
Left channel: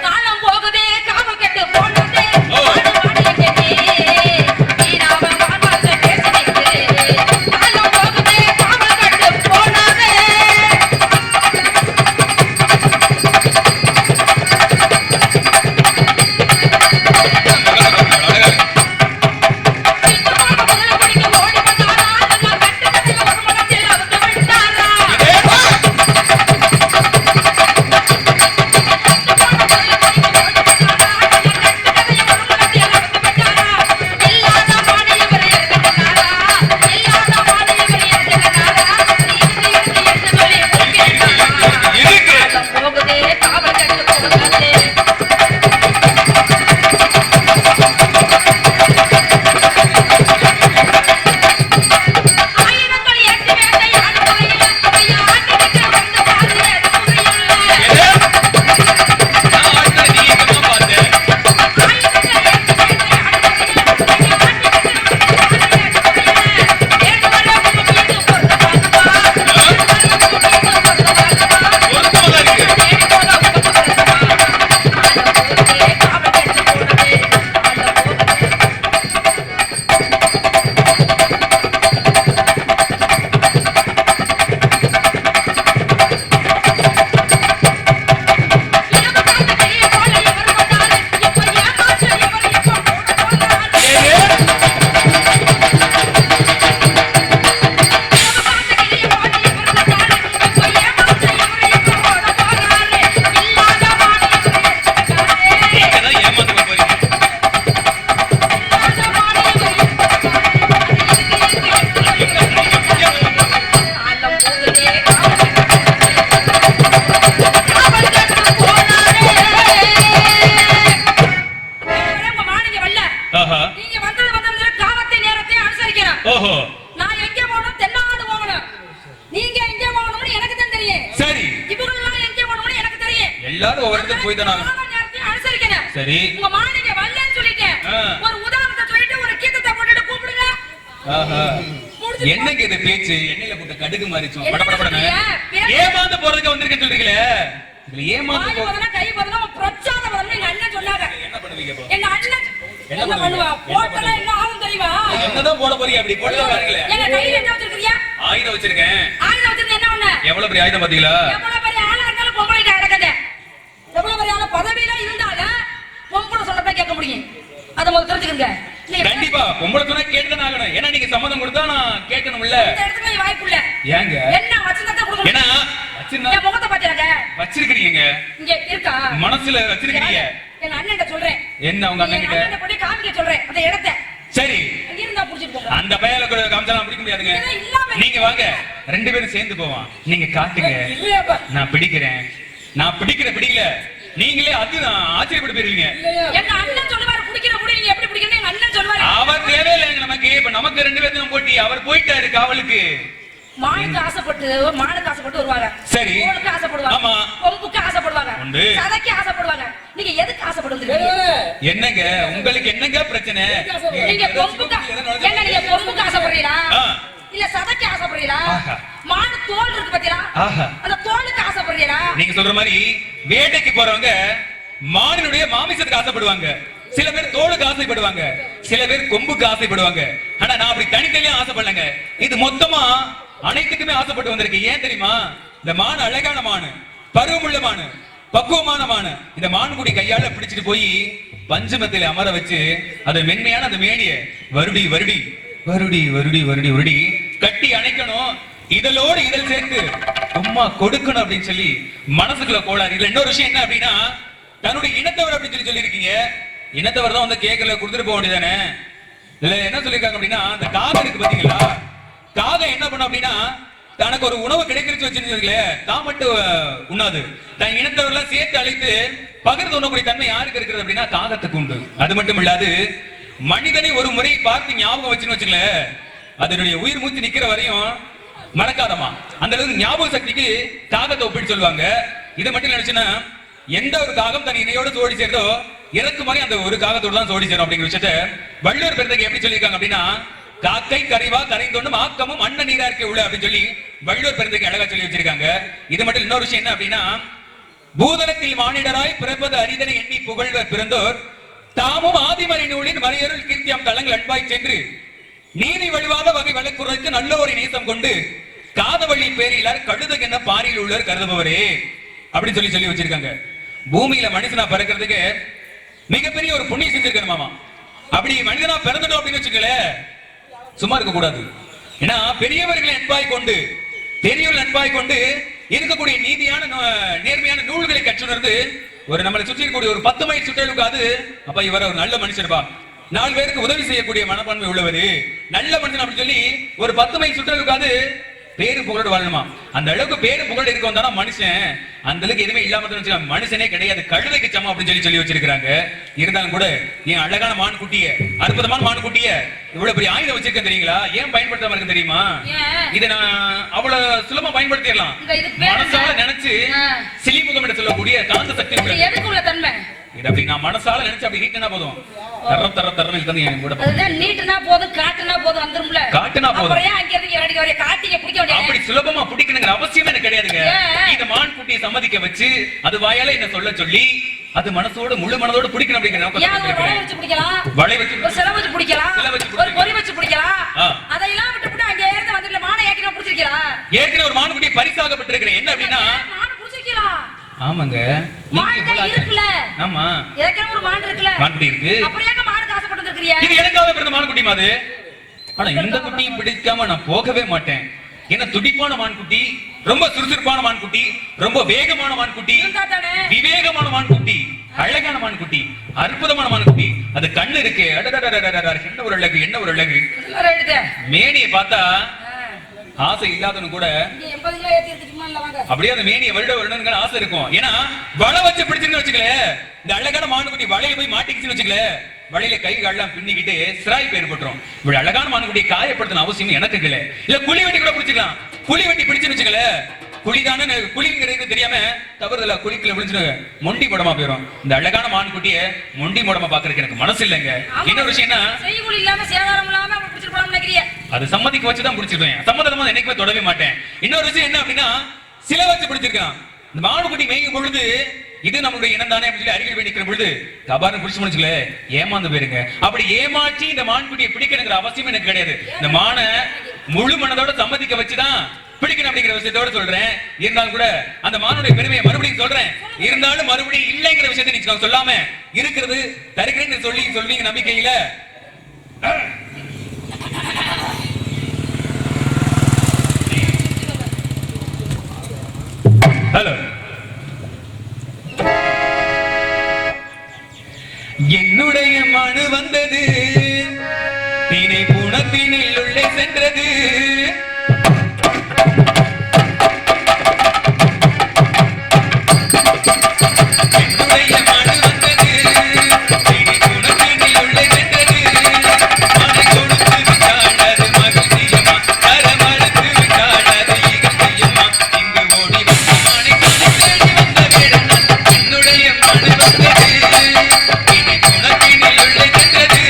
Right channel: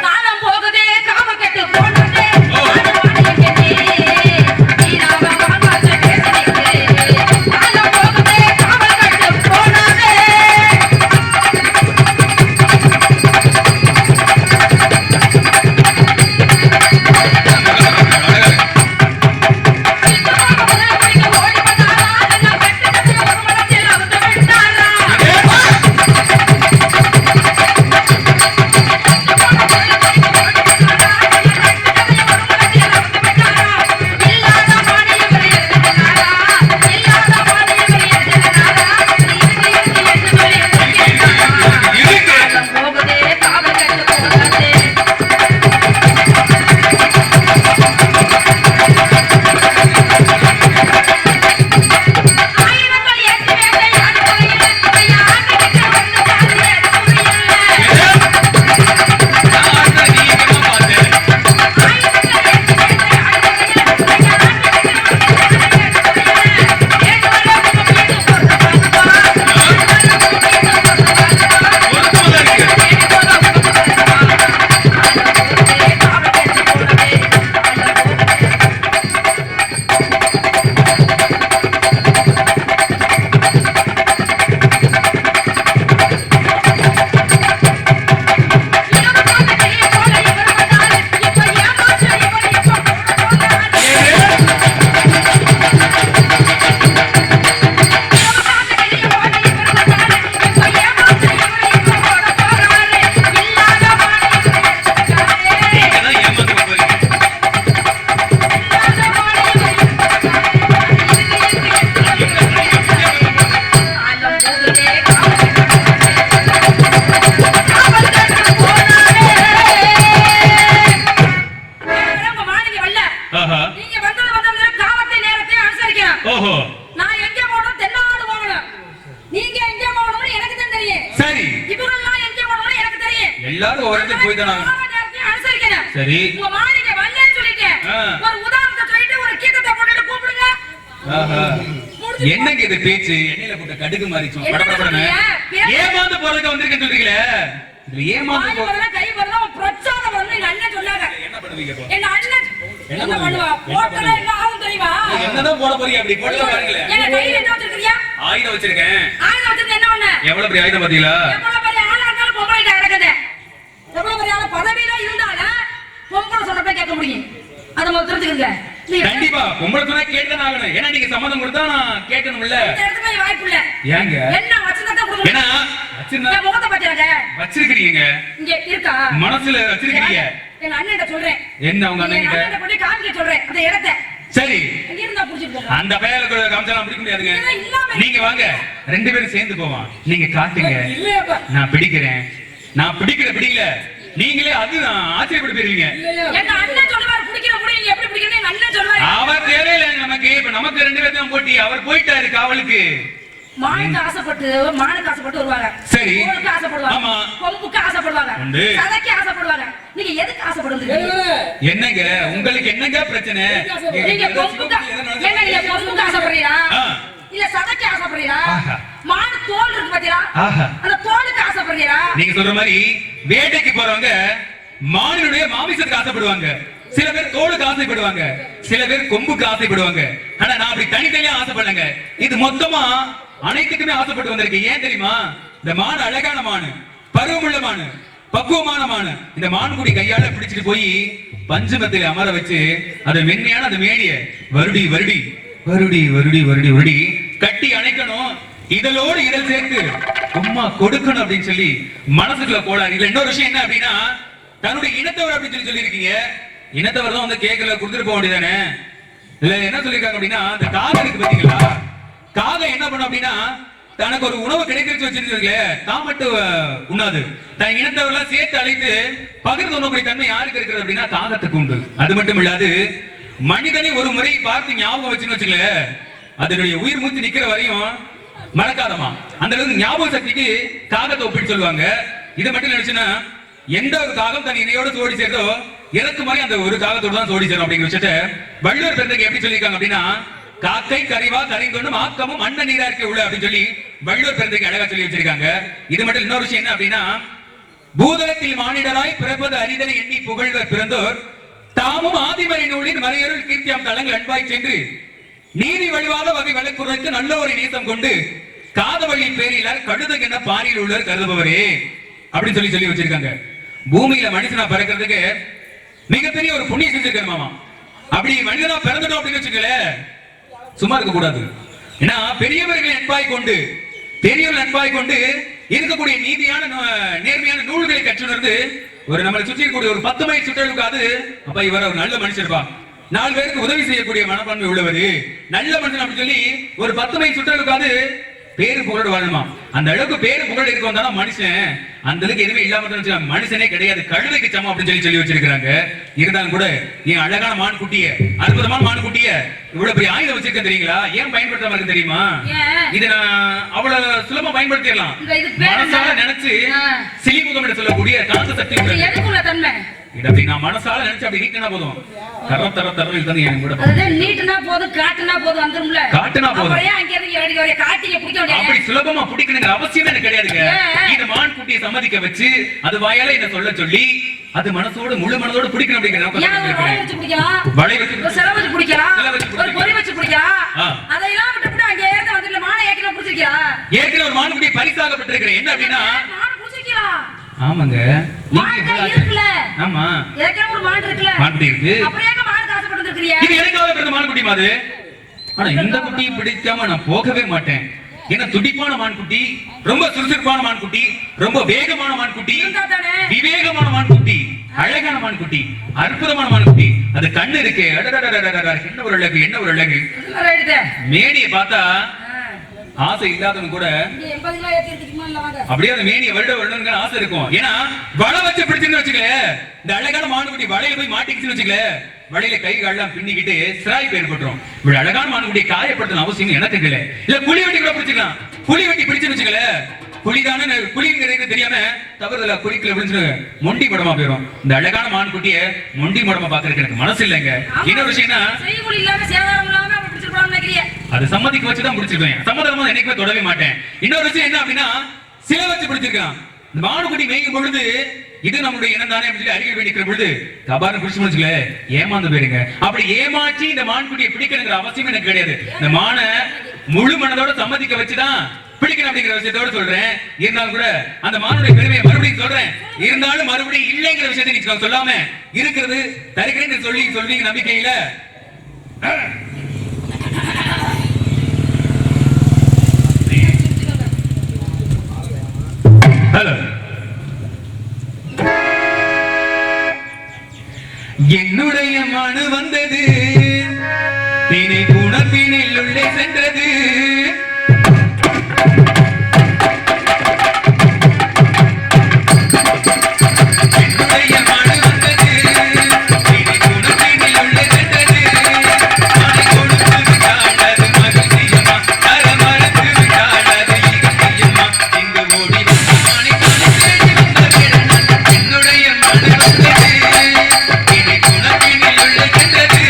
காலம் போகுதே காவல் கெட்டு போனதே. எல்லாரும் ஒவ்வொரு இடத்துக்கு போய் தானே ஆகணும். ஆமா, நேரத்தையும் அனுசரிக்கணும். சரி. உங்க மாளிகை வரலன்னு சொல்லிட்டேன். ஆ. ஒரு உதாரணத்தை சொல்லிட்டு ஒரு கீதத்தை போட்டுட்டு கூப்பிடுங்க. ஆஹா. முடிஞ்சு என்னங்க இது பேச்சு? எண்ணெயில போட்ட கடுகு மாறிச்சோம். என்ன படபடன்னு. சொல்றீங்க? ஏமாந்து போறதுக்கு வந்திருக்கேன்னு சொல்றீங்களே. இதுல ஏமாந்து வாய் போ. வரல, கை வரல, உன் பிரச்சாரம் வரல, எங்க அண்ணன் சொன்னாங்க. என்ன பண்ணுவீங்க இப்போ? எங்க அண்ணன் என்ன என்ன பண்ணுவா? பண்ணுவீங்க? போட்டா என்ன ஆகும் தெரியுமா? என்னதான் போட போறீங்க? அப்படி போட்டு பாருங்களேன். எங்க கையில என்ன வச்சிருக்கியா? ஆயுதம் வச்சிருக்கேன். ஆயுதம் வச்சிருந்தா என்ன ஒண்ணு? எவ்வளவு பெரிய ஆயுதம் பாத்தீங்களா? எவ்வளவு பெரிய ஆளா இருந்தாலும் பொம்பளை கிட்ட கிடக்குது. எவ்வளவு பெரிய ஆளா பதவியில இருந்தாலும் பொம்பளை சொல்றத கேட்க முடியும். அத முதல்ல தெரிஞ்சுக்கங்க. நீங்க கண்டிப்பா பொம்பளை சொன்னா கேட்டுதான் ஆகணும். ஏன்னா நீங்க சம்மதம் கொடுத்தா நான் கேட்கணும்ல. இந்த இடத்துல வாய்ப்பு இல்ல. ஏங்க? என்ன வச்சிருந்தா கொடுக்கணும். ஏன்னா வச்சிருந்தா என் முகத்தை பாத்தியாங்க? வச்சிருக்கீங்க. இங்க இருக்கா? மனசுல வச்சிருக்கீங்க. எங்க அண்ணன் சொல்றேன். என்ன உங்க அண்ணன் கிட்ட? அண்ணன் போய் காமிக்க சொல்றேன் அந்த இடத்தை. சரி. இங்க இருந்தா புடிச்சிட்டு போங்க. அந்த பயல காமிச்சாலாம் பிடிக்க முடியாதுங்க. இதெல்லாம் இல்லாம நீங்க வாங்க, ரெண்டு பேரும் சேர்ந்து போவோம். நீங்க காட்டுங்க, இல்லையாப்பா. நான் பிடிக்கிறேன். நான் பிடிக்கல நீங்களே அது ஆச்சரியப்பட்டு போயிருவீங்க. எங்க அண்ணன் சொல்லுவாரு பிடிக்கிற முடி நீங்க எப்படி பிடிக்கணும் எங்க அண்ணன் சொல்லுவாரு. அவர் தேவையில்லை நமக்கு. இப்ப நமக்கு ரெண்டு பேரும் போட்டி. அவர் போயிட்டாரு காவலுக்கு. மானுக்கு ஆசைப்பட்டு வருவாங்க. சரி. கோலுக்கு ஆசைப்படுவாங்க. ஆமா. கொம்புக்கு ஆசைப்படுவாங்க. உண்டு. சதைக்கு ஆசைப்படுவாங்க. நீங்க எதுக்கு ஆசைப்படுறீங்க? என்னங்க உங்களுக்கு என்னங்க பிரச்சனை? நீங்க கொம்புக்கு என்ன நீங்க கொம்புக்கு ஆசைப்படுறீங்களா? ஆ. இல்ல சதைக்கு ஆசைப்படுறீங்களா? ஆஹா. மானு தோல் இருக்கு பாத்தீங்களா? ஆஹா. அந்த தோலுக்கு ஆசைப்படுறீங்களா? நீங்க சொல்ற மாதிரி வேட்டைக்கு போறவங்க மானினுடைய மாமிசத்துக்கு ஆசைப்படுவாங்க. சில பேர் தோலுக்கு ஆசைப்படுவாங்க, சில பேர் கொம்புக்கு ஆசைப்படுவாங்க. ஆனா நான் அப்படி தனித்தனியா ஆசைப்படலங்க. இது மொத்தமா அனைத்துக்குமே ஆசைப்பட்டு வந்திருக்கு. ஏன் தெரியுமா? இந்த மான் அழகான மானு, பருவமுள்ள மானு, பக்குவமான மானு. இந்த மான்குடி கையால பிடிச்சிட்டு போய் பஞ்சமத்தில் அமர வச்சு அது மென்மையான அந்த மேனிய வருடி வருடி வருடி வருடி வருடி வருடி கட்டி அணைக்கணும். இதழோடு இதழ் சேர்த்து உம்மா கொடுக்கணும் அப்படின்னு சொல்லி மனசுக்குள்ள கோளாறு. இதுல இன்னொரு விஷயம் என்ன அப்படின்னா, தன்னுடைய இனத்தவர் அப்படின்னு சொல்லி இருக்கீங்க. இனத்தவர் தான் வந்து கேட்கல கொடுத்துட்டு போக வேண்டியதானே. இல்ல என்ன சொல்லிருக்காங்க அப்படின்னா, இந்த காகம் இருக்கு பாத்தீங்களா, காகம் என்ன பண்ணும் அப்படின்னா தனக்கு ஒரு உணவு கிடைக்கிறது வச்சிருக்கீங்களே தான் மட்டும் உண்ணாது. தன் இனத்தவர்கள்லாம் சேர்த்து அழைத்து பகிர்ந்து உண்ணக்கூடிய தன்மை யாருக்கு இருக்கிறது அப்படின்னா காகத்துக்கு உண்டு. அது மட்டும் இல்லாது மனிதனை ஒரு முறை பார்த்து ஞாபகம் வச்சுன்னு வச்சுங்களேன், அதனுடைய உயிர் மூச்சு நிக்கிற வரையும் மறக்காதமா. அந்த அளவுக்கு ஞாபக சக்திக்கு காகத்தை ஒப்பிட்டு சொல்லுவாங்க. இதை மட்டும் நினைச்சுன்னா எந்த ஒரு காகம் தன் இணையோட சோடி சேர்ந்தோ இறக்கு மாதிரி அந்த ஒரு காகத்தோடு தான் சோடி சேரும் அப்படிங்கிற விஷயத்த வள்ளுவர் பெருந்தகை எப்படி சொல்லியிருக்காங்க அப்படின்னா, காக்கை கறிவா கரைந்தொன்னும் ஆக்கமும் அண்ண நீரா இருக்க உள்ள அப்படின்னு சொல்லி வள்ளுவர் பெருந்தகை அழகா சொல்லி வச்சிருக்காங்க. இது மட்டும் இன்னொரு விஷயம் என்ன அப்படின்னா, பூதலத்தில் மானிடராய் பிறப்பது அரிதனை எண்ணி புகழ்வர் பிறந்தோர் தாமும் ஆதிமறை நூலின் மறையருள் கீர்த்தியாம் தளங்கள் அன்பாய் சென்று நீதி வழிவாத வகை வழக்குறைக்கு நல்ல ஒரு நேசம் கொண்டு காதவழி பேரிலார் கழுதுகென்ன பாரியில் உள்ளவர் கருதுபவரே அப்படின்னு சொல்லி வச்சிருக்காங்க. பூமியில மனுஷனா பிறக்கிறதுக்கு மிகப்பெரிய ஒரு புண்ணியம் செஞ்சிருக்கணுமாமா. அப்படி மனிதனா பிறந்துட்டோம் அப்படின்னு வச்சுக்கல சும்மா இருக்க கூடாது. ஏன்னா பெரியவர்கள் அன்பாய் கொண்டு பெரியவர்கள் அன்பாய் கொண்டு இருக்கக்கூடிய நீதியான நேர்மையான நூல்களை கற்றுணர்ந்து ஒரு நம்மளை சுற்றி இருக்கக்கூடிய ஒரு 10 மைல் சுற்றலுக்காது அப்ப இவர் ஒரு நல்ல மனுஷர்பா, 4 பேருக்கு உதவி செய்யக்கூடிய மனப்பான்மை உள்ளவரு, நல்ல மனுஷன் அப்படின்னு சொல்லி ஒரு 10 மைல் சுற்றலுக்காது பேரு புகழ் வாழணுமா. அந்த அளவுக்கு பேரு புகழ் இருக்க வந்தானா மனுஷன். அந்த அளவுக்கு எதுவுமே இல்லாம மனுஷனே கிடையாது, கழுதைக்கு சமம் அப்படின்னு சொல்லி வச்சிருக்காங்க. இருந்தாலும் கூட என் அழகான மான் குட்டிய, அற்புதமான மான் குட்டிய இவ்வளவு பெரிய ஆயுதம் வச்சிருக்கேன் தெரியுங்களா? ஏன் பயன்படுத்தாம இருக்கு தெரியுமா? இதை நான் அவ்வளவு சுலபமா பயன்படுத்திடலாம். மனசால நினைச்சு சிலிமுகம் சொல்லக்கூடிய காந்த சக்தி தன்மை இது அப்படி நான் மனசால நினைச்சு அப்படி நீட்டினா போதும். தரம் தரம் தரம் இது என் கூட நீட்டினா போதும், காட்டுனா போதும் வந்துரும்ல. காட்டுனா போதும். அப்படி சுலபமா பிடிக்கணுங்கிற அவசியம் எனக்கு கிடையாதுங்க. இந்த மான் குட்டியை சம்மதிக்க வச்சு அது வாயால என்ன சொல்ல சொல்லி அது மனசோட முழு மனதோட பிடிக்கணும் அப்படிங்கிற வலை வச்சு பிடிக்கலாம், ஒரு பொறி வச்சு பிடிக்கலாம். அதையெல்லாம் விட்டு அங்கே இருந்து வந்துட்டு மான ஏற்கனவே பிடிச்சிருக்கலாம். ஏற்கனவே ஒரு மான் குட்டியை பரிசாகப்பட்டிருக்கிறேன். என்ன அப்படின்னா மான பிடிச்சிருக்கலாம். ஆமாங்க, இருக்குல்ல. ஆமா, ஏற்கனவே ஒரு மான் இருக்குல்ல, மான் குட்டி இருக்கு. அப்படியே மான் ஆசைப்பட்டு இருக்கீங்க. இது எனக்காக பிறந்த மான் குட்டி மாதிரி. ஆனா இந்த குட்டியை பிடிக்காம நான் போகவே மாட்டேன். ஏன்னா துடிப்பான மான்குட்டி, ரொம்ப சுறுசுறுப்பான மான்குட்டி, ரொம்ப வேகமான மான்குட்டி, விவேகமான மான்குட்டி, அழகான மான்குட்டி, அற்புதமான மான்குட்டி. அது கண்ணு இருக்கு, என்ன ஒரு அழகு, என்ன ஒரு அழகு. மேனியை பார்த்தா ஆசை இல்லாதவங்க கூட அப்படியே அந்த மேனியை வருட ஆசை இருக்கும். ஏன்னா வலை வச்சு பிடிச்சுன்னு வச்சுக்கல, இந்த அழகான மான்குட்டி வலையில போய் மாட்டிக்கிச்சுன்னு வச்சுக்கல, வழியில கை கால்லாம் பின்னிக்கிட்டு சிராய் பேர் போட்டுரும். இப்படி அழகான மான்குட்டியை காயப்படுத்தின அவசியம் எனக்கு இல்ல. குழி வெட்டி கூட பிடிச்சிக்கலாம். குழி வெட்டி பிடிச்சுன்னு வச்சுக்கல, குழிதானே குழிங்கிறது தெரியாம தவறுதலா குளிக்கல விழுந்து மொண்டி முடமா போயிடும். இந்த அழகான மான் குட்டிய மொண்டி முடமா பாக்குறதுக்கு எனக்கு மனசு இல்லைங்க. இன்னொரு விஷயம்னா செய்குலி இல்லாம சேதாரம் இல்லாம பிடிச்சிருப்பான்னு நினைக்கிறீங்க. அது சம்மதிக்கு வச்சுதான் பிடிச்சிருக்கேன். சம்மதமா என்னைக்குமே தொடவே மாட்டேன். இன்னொரு விஷயம் என்ன அப்படின்னா சிலை வச்சு பிடிச்சிருக்கான். இந்த மானுக்குட்டி மேய்க்கும் பொழுது இது நம்மளுடைய இனம் தானே அப்படின்னு சொல்லி அருகில் வேண்டிக்கிற பொழுது தபார்னு பிடிச்சு முடிச்சுக்கல ஏமாந்து போயிருங்க. அப்படி ஏமாற்றி இந்த மான்குட்டியை பிடிக்கணுங்கிற அவசியம் எனக்கு கிடையாது. இந்த மானை முழு மனதோட சம்மதிக்க வச்சுதான் பிடிக்கணும் அப்படிங்கிற விஷயத்தோட சொல்றேன். இருந்தாலும் கூட அந்த மானுடைய பெருமையை மறுபடியும் சொல்றேன். இருந்தாலும் மறுபடியும் இல்லைங்கிற விஷயத்தை நீங்க சொல்லாம இருக்கிறது தருகிறேன்னு சொல்லி சொல்றீங்க நம்பிக்கையில. ஹலோ, என்னுடைய மனு வந்தது தினை புணத்தினில் உள்ளே சென்றது. என்னுடைய மனு வந்தது தினை புணத்தினில் உள்ளே சென்றது. மனை கொடுத்து விட்டாள் அது மகிழ்ச்சியம்மா, தர மறுத்து விட்டாள் அது இகழ்ச்சியம்மா. இங்கு ஓடி வந்து மனை தேடி வந்த வேடன் என்னுடைய மனு வந்தது தினை புணத்தினில் உள்ளே சென்றது.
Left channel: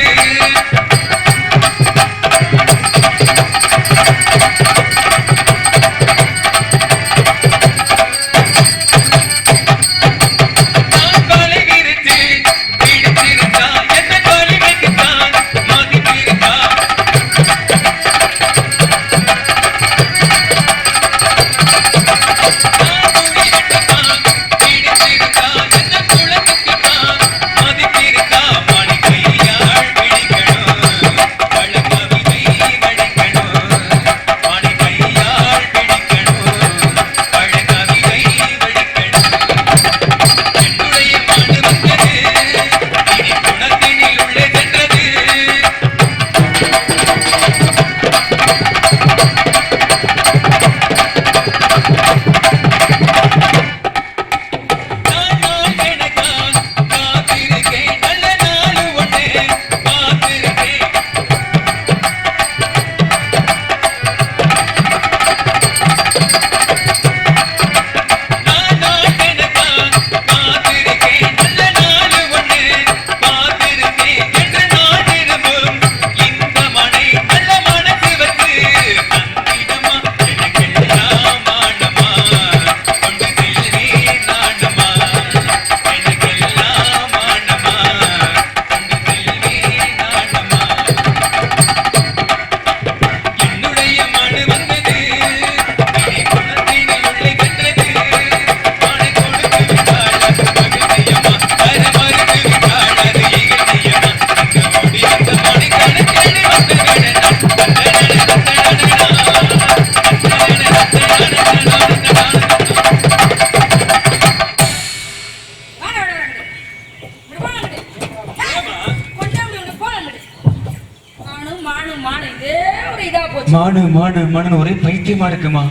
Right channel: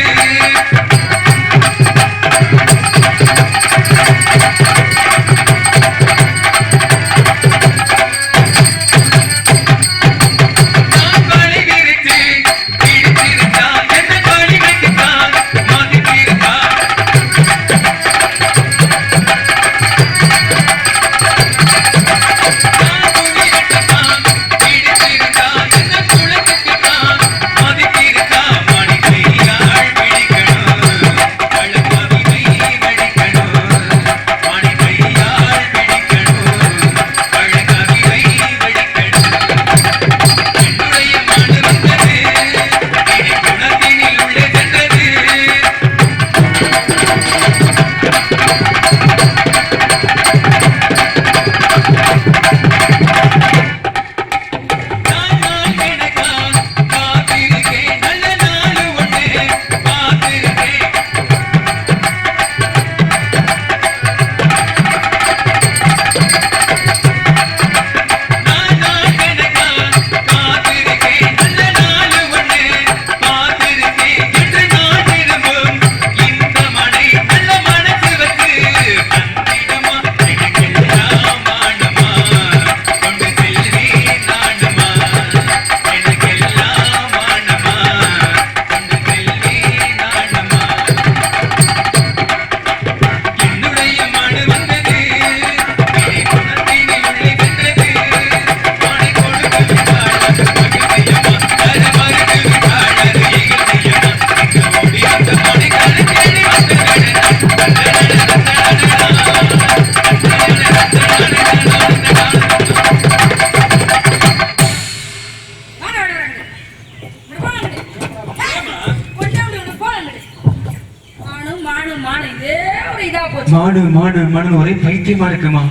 மாடு மாடு மாடு ஒரே பைத்தியமா இருக்குமா?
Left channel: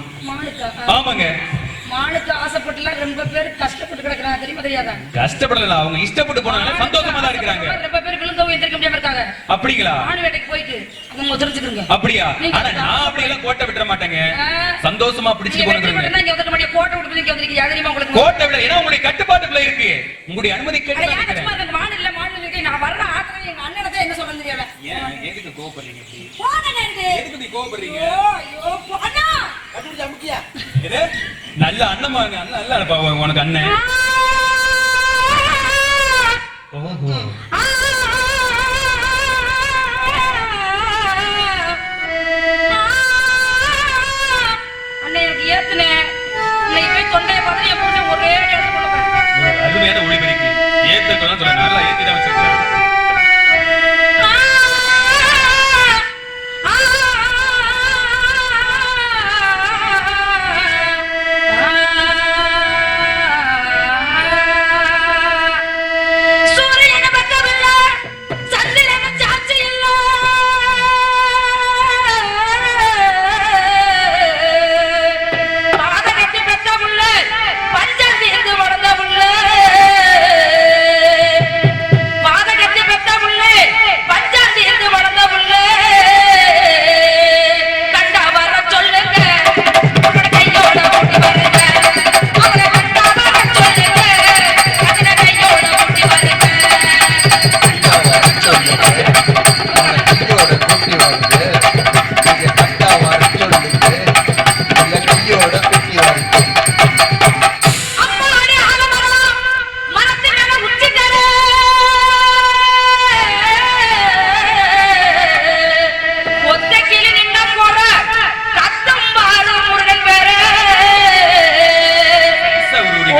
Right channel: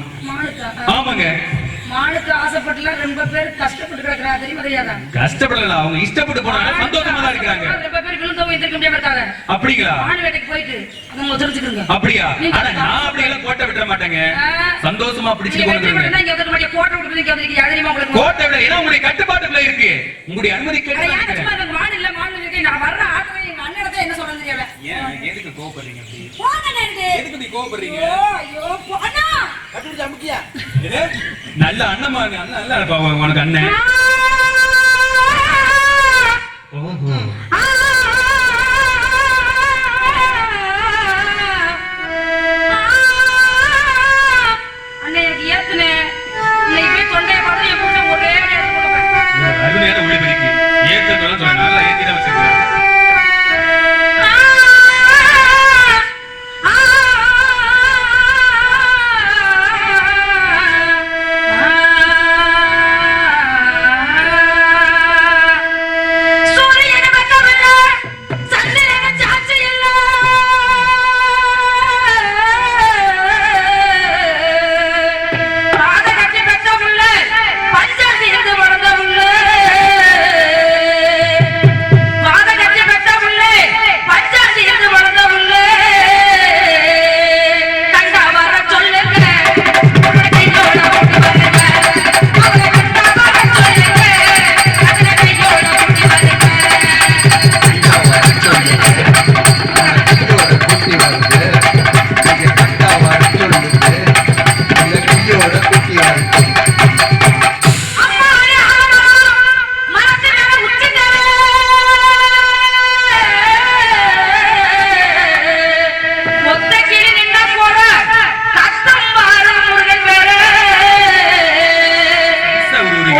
ஆமாங்க. மானுக்கு ஆசைப்பட்டுல ரொம்ப பேர் கஷ்டப்பட்டு கிடக்குறாங்க, தெரியுமா தெரியாதா? கஷ்டப்படல, அவங்க இஷ்டப்பட்டு போனாங்க, சந்தோஷமா தான் இருக்காங்க. ரொம்ப பேர் விழுந்தவங்க எந்திரிக்க முடியாம இருக்காங்க. அப்படிங்களா? மானு வேட்டைக்கு போயிட்டு அவங்க தெரிஞ்சுக்குங்க. அப்படியா? ஆனா நான் அப்படி எல்லாம் கோட்டை விட மாட்டேங்க. சந்தோஷமா பிடிச்சிட்டு போறேங்க. இங்க வந்து மாட்டே கோட்டை விட்டு நீங்க வந்து யாதரிமா உங்களுக்கு கோட்டை விட ஏன்னா உங்களுடைய கட்டுப்பாட்டுக்குள்ள இருக்கு. உங்களுடைய அனுமதி கேட்டு நான் யாரும் மானு இல்ல மானு இருக்கு. நான் வர்ற ஆட்களை எங்க அண்ணனதே என்ன சொல்றேன்னு தெரியல. ஏன் எதுக்கு கோபப்படுறீங்க அப்படி? போங்க நண்டு. எதுக்கு நீ கோபப்படுறீங்க? ஐயோ அண்ணா கட்டுடி அமுக்கியா. இது நல்ல அண்ணமா அண்ணன் நல்ல அண்ணப்பா உனக்கு அண்ணன். ஓஹோ. அண்ணனுக்கு ஏத்துனே இன்னைக்கு போய் தொண்டைய பார்த்து என் புருஷன் ஒரே நேரத்துல போறேன். அருமையான ஒளிபெருக்கி ஏத்ததெல்லாம் சொல்ல நல்லா ஏத்தி தான் வச்சிருக்காங்க. சூரியனை பத்தவன்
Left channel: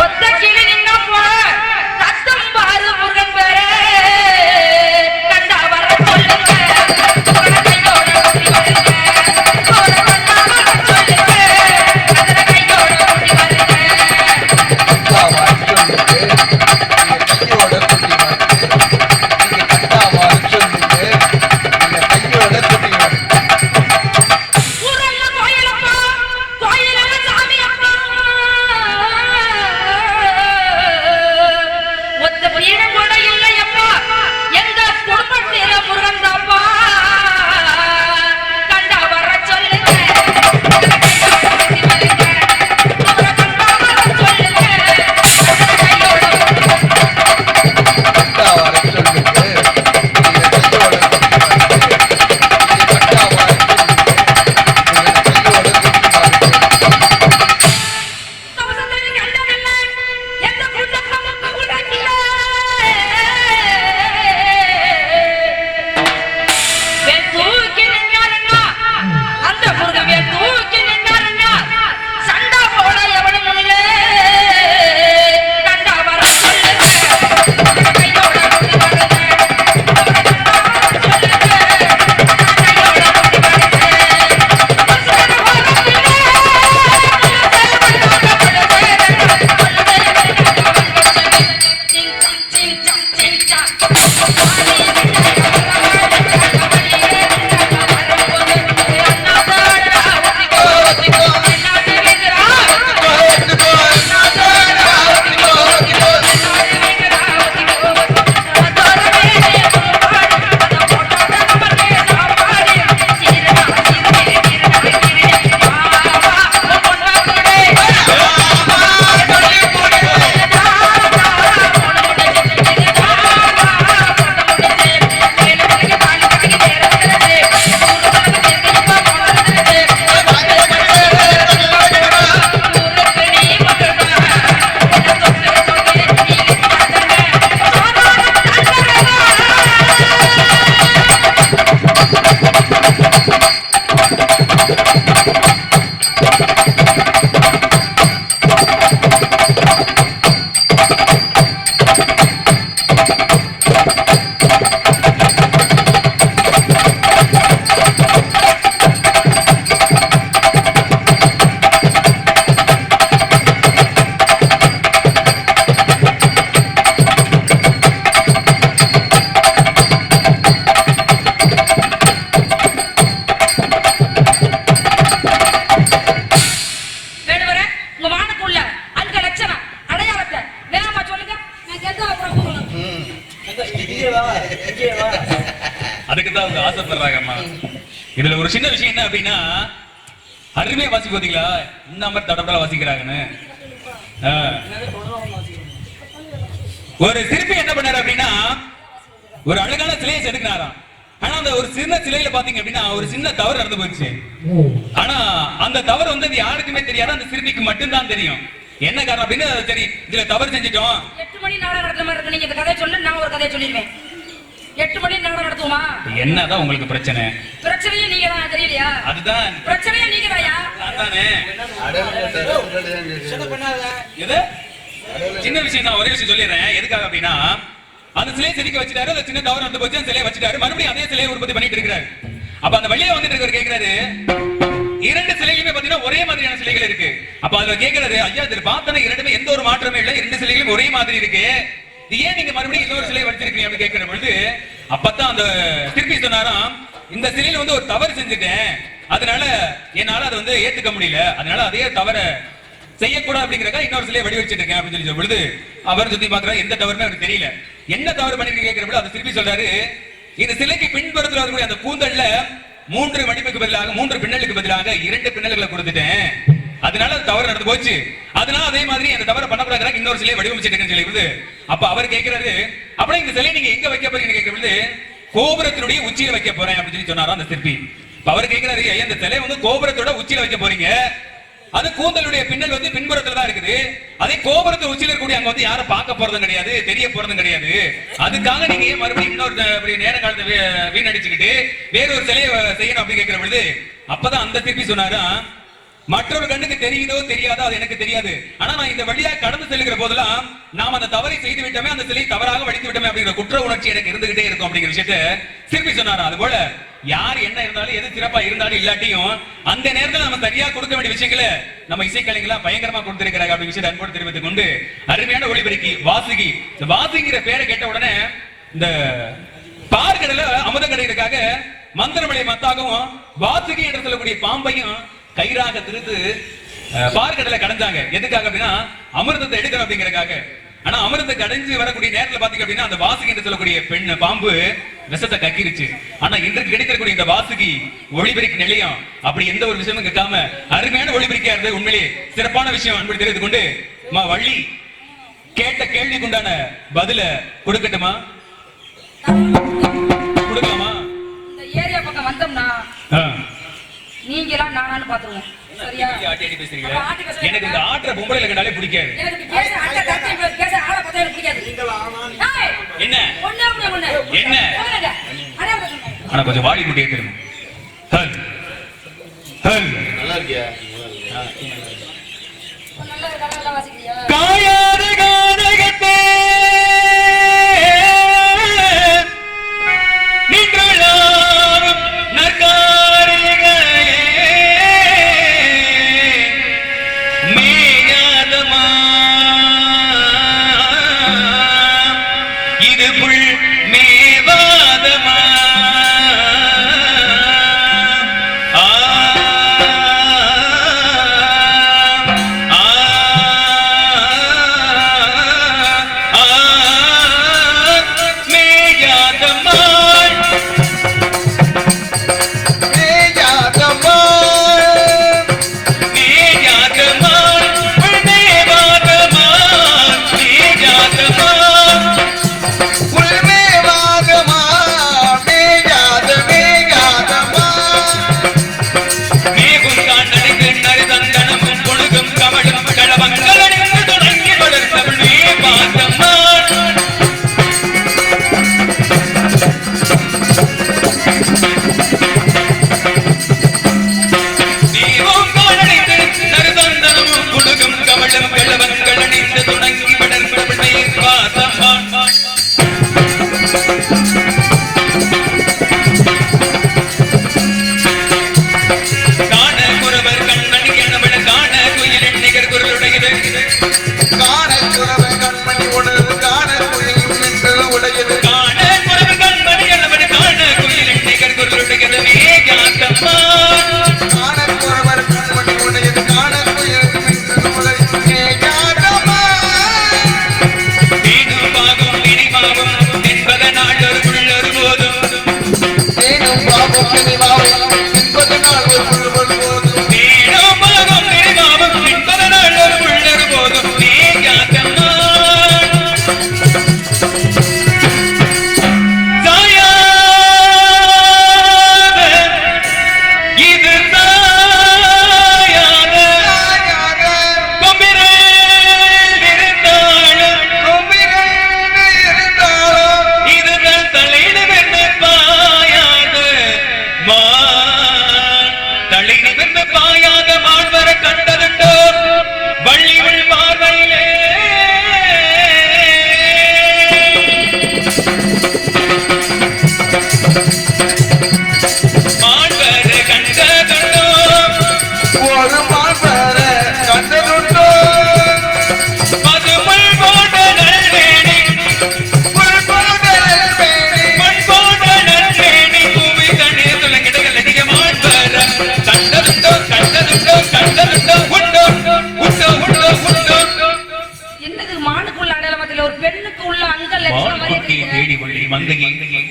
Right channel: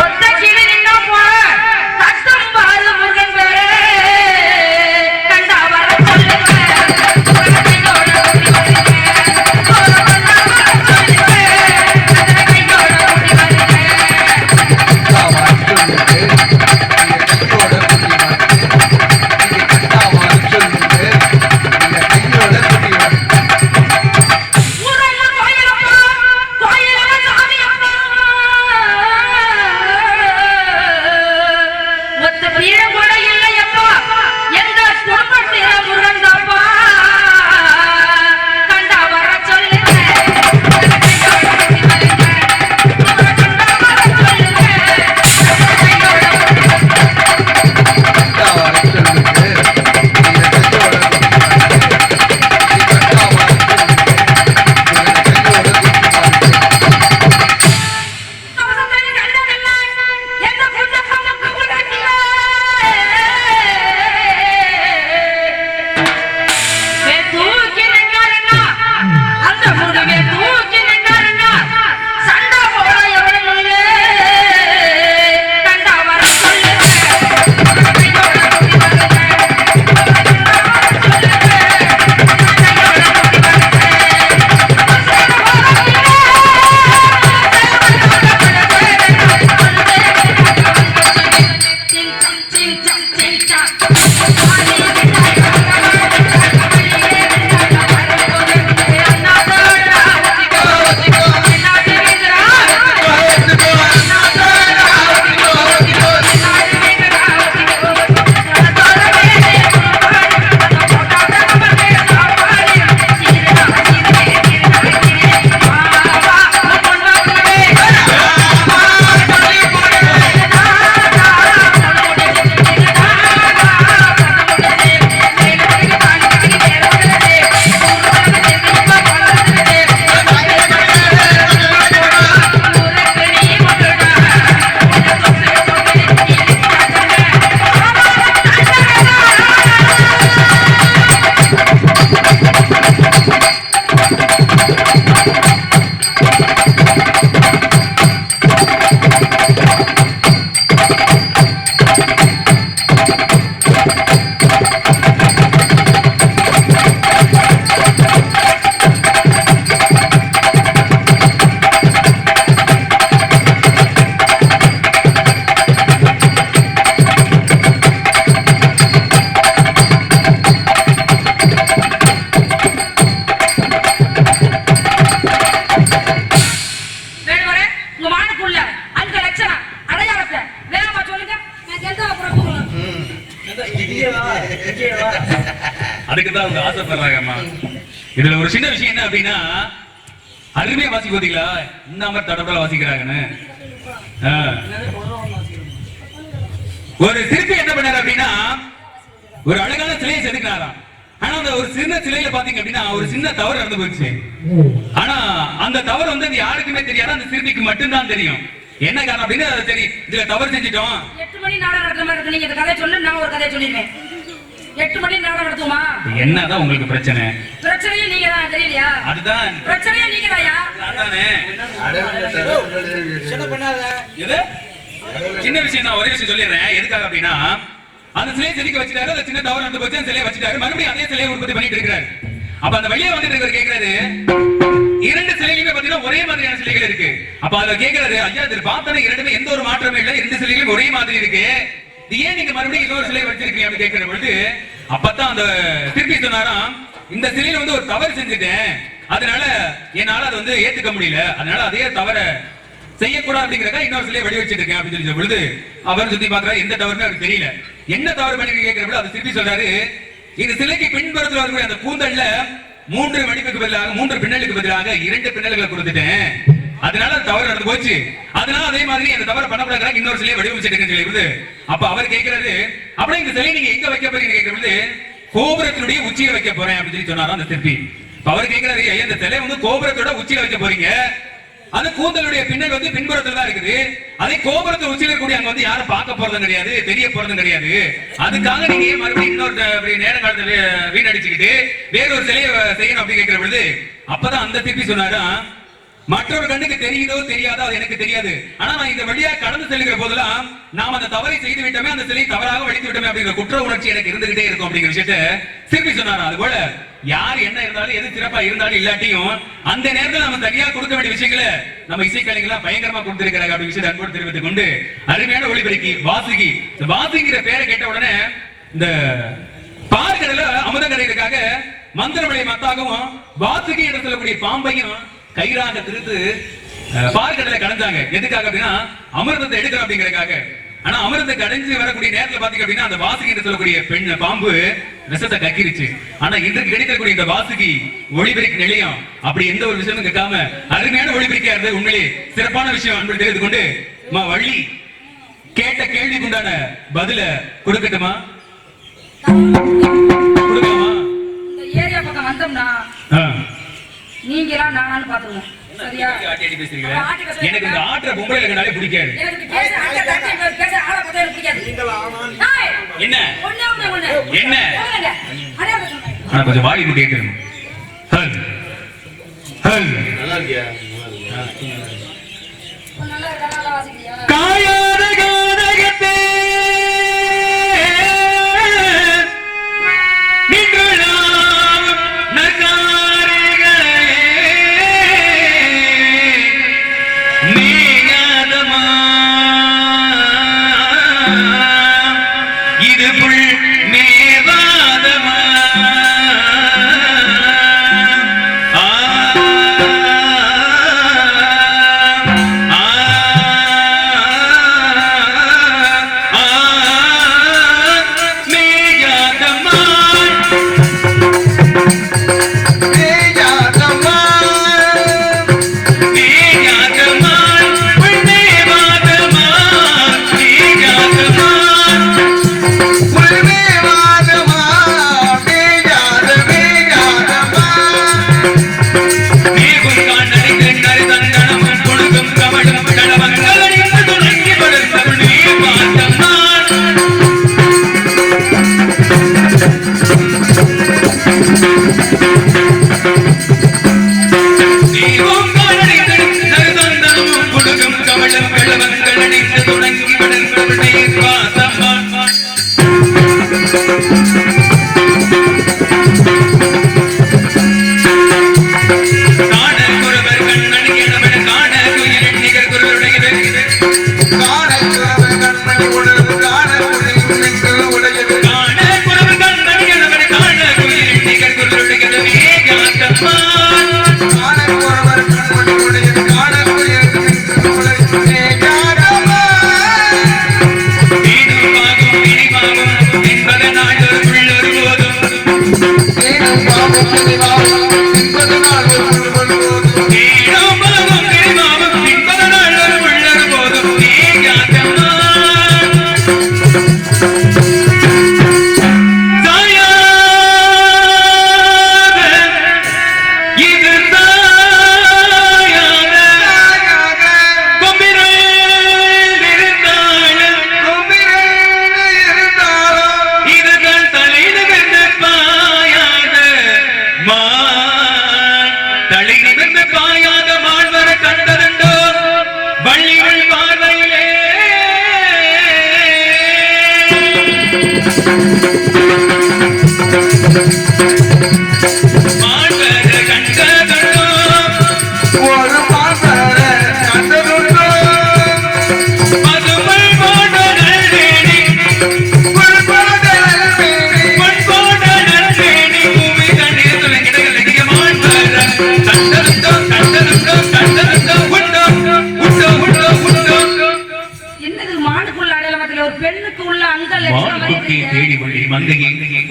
ஒத்த கிளி நின்னா போ கட்டும் பாரு முருகன் பேரே கண்டா வர சொல்லுங்க கையோட கூட்டி வருங்க போற கண்டா வர சொல்லுங்க கையோட கூட்டி வருங்க அதுக்குதான் அவங்க ஆசைப்படுறாங்க அம்மா. இதுல ஒரு சின்ன விஷயம் என்ன அப்படின்னா, அருமையா வாசிக்க பாத்தீங்களா, இந்த மாதிரி தடப்பட வாசிக்கிறாங்கன்னு. ஒரு சிற்பி என்ன பண்ணாரு அப்படின்னா, ஒரு அழகான சிலையை செதுக்கினாராம். ஆனா அந்த ஒரு சின்ன சிலையில பாத்தீங்க அப்படின்னா ஒரு சின்ன தவறு நடந்து போச்சு. ஆனா அந்த தவறு வந்து யாருக்குமே தெரியாது, அந்த சிற்பிக்கு மட்டும்தான் தெரியும். என்ன காரணம் அப்படின்னா, சரி இதுல தவறு செஞ்சிட்டோம். 8 மணி நாடகம் நடத்துற மாதிரி இருக்கு. நீங்க இந்த கதையை சொல்லு, நான் ஒரு கதையை சொல்லிடுவேன். 8 மணி நாடகம் நடத்துமா? என்னதான் உங்களுக்கு பிரச்சனை? பிரச்சனையே நீங்க தான், தெரியலையா? அதுதான் பிரச்சனையே நீங்க தான்யா. அதானே எது சின்ன விஷயம் தான். ஒரே விஷயம் சொல்லிடுறேன். எதுக்காக அப்படின்னா, அந்த சிலையை செதுக்கி வச்சிட்டாரு, அந்த சின்ன தவறு நடந்து போச்சு, அந்த சிலையை வச்சிட்டாரு, மறுபடியும் அதே சிலையை உற்பத்தி பண்ணிட்டு இருக்காரு. அப்ப அந்த வெளியே வந்துட்டு இருக்காரு, கேக்குறாரு, 2 சிலைகளுமே பாத்தீங்கன்னா ஒரே மாதிரியான சிலைகள் இருக்கு. அப்ப அதுல கேக்குறாரு, ஐயா இது பார்த்தா 2மே எந்த ஒரு மாற்றமே இல்ல, 2 சிலைகளும் ஒரே மாதிரி இருக்கு, ஏன் நீங்க மறுபடியும் இன்னொரு சிலை வச்சிருக்கீங்க அப்படின்னு கேட்கிற பொழுது, அப்பதான் அந்த சிற்பி சொன்னாராம், இந்த சிலையில வந்து ஒரு தவறு செஞ்சுட்டேன், அதனால என்னால அதை வந்து ஏத்துக்க முடியல, அதனால அதே தவற செய்யக்கூடாது அப்படிங்கறதுக்காக இன்னொரு சிலையை வடிவச்சிட்டு இருக்கேன் அப்படின்னு சொல்லி பொழுது அவர் சுத்தி பாக்குறாரு, எந்த தவறுமே அவருக்கு தெரியல. என்ன தவறு பண்ணி கேட்கிற பொழுது அந்த சிற்பி சொல்றாரு, இந்த சிலைக்கு பின்புறத்தில் வரக்கூடிய அந்த கூந்தல்ல 3 மடிப்புக்கு பதிலாக 3 பின்னலுக்கு பதிலாக 2 பின்னல்களை கொடுத்துட்டேன், அதனால தவறு நடந்து போச்சு, அதனால அதே மாதிரி அந்த தவறு பண்ணக்கூடாது இன்னொரு சிலையை வடிவமைச்சிட்டு சொல்லி. அப்ப அவர் கேட்கிறாரு, அப்படியே இந்த சிலையை நீங்க எங்க வைக்க போறீங்க கேட்கிற பொழுது, கோபுரத்தினுடைய உச்சியில வைக்க போறேன் அப்படின்னு சொல்லி சொன்னாரா அந்த சிற்பி. அவர் கேட்கிறாரு, இந்த சிலை வந்து கோபுரத்தோட உச்சியில வைக்க போறீங்க, அது கூந்தலுடைய பின்னல் வந்து பின்புறத்துல தான் இருக்குது, அதே கோபுரத்தை உச்சியில இருக்கக்கூடிய அங்க வந்து யாரும் பார்க்க போறதும் கிடையாது, தெரிய போறதும் கிடையாது, அதுக்காக நீங்க ஏன் மறுபடியும் இன்னொரு நேர காலத்தை வீணடிச்சுக்கிட்டு வேற ஒரு சிலையை செய்யணும் அப்படின்னு கேட்கிற பொழுது, அப்பதான் அந்த சிற்பி சொன்னாரா, மற்றொரு கண்ணுக்கு தெரியுதோ தெரியாதோ அது எனக்கு தெரியாது. ஆனா நான் இந்த வழியா கடந்து செல்கிற போதெல்லாம் நாம் அந்த தவறை செய்து விட்டோமே, அந்த சிலை தவறாக வடித்து விட்டோமே அப்படிங்கிற குற்ற உணர்ச்சி எனக்கு இருந்துகிட்டே இருக்கும் அப்படிங்கிற விஷயத்தை திருப்பி சொன்னாரா. அது போல யார் என்ன இருந்தாலும் எது சிறப்பா இருந்தாலும் இல்லாட்டியும் அந்த நேரத்தில் நம்ம சரியா கொடுக்க வேண்டிய விஷயங்களை நம்ம இசைக்கலைஞர்களா பயங்கரமா கொடுத்திருக்கிறாங்க அப்படி விஷயத்தை அன்போடு தெரிவித்துக் கொண்டு அருமையான ஒளிபெருக்கி வாசுகி. இந்த வாசுகிற பேரை கேட்ட உடனே இந்த பார்க்கடல அமுதங்கரைக்காக மந்திரமலை மத்தாகவும் வாசுகி என்று சொல்லக்கூடிய பாம்பையும் கயிறாக திருத்து பார்க்கடலை கடைஞ்சாங்க. எதுக்காக அப்படின்னா அமிர்தத்தை எடுக்கணும் அப்படிங்கறதுக்காக. ஆனா அமிர்தத்தை கடைஞ்சு வரக்கூடிய நேரத்துல பாத்தீங்க அப்படின்னா அந்த வாசுகி என்று சொல்லக்கூடிய பெண் பாம்பு விஷத்தை கக்கிருச்சு. ஆனா இன்றைக்கு கிடைக்கக்கூடிய இந்த வாசுகி ஒளிபெருக்கி நிலையம் அப்படி எந்த ஒரு விஷயமும் கேட்காம அருமையான ஒளிபெருக்கியா இருந்தது. உண்மையிலே சிறப்பான விஷயம் அன்பு தெரிந்து கொண்டு வள்ளி கேட்ட கேள்விக்கு உண்டான பதில கொடுக்கட்டுமா? கொடுக்கலாமா? இந்த ஏரியா பக்கம் வந்தோம்னா நீங்களாம் நானும் பாத்துருவோம். சரியா? எனக்கு இந்த ஆற்ற பொம்பளை கண்டாலே பிடிக்காது. எனக்கு பேச ஆளை பார்த்தா எனக்கு பிடிக்காது. என்ன ஒண்ணு என்ன ஆனா கொஞ்சம் வாடி விட்டு கேட்கணும். ஹல் ஹல் நல்லா இருக்கியா? நல்லா வாசிக்கிறியா? காயாத கானகத்தே நின்றளாவும் நற்காரிகளே மேகாதமா இது புல் மேவாதமா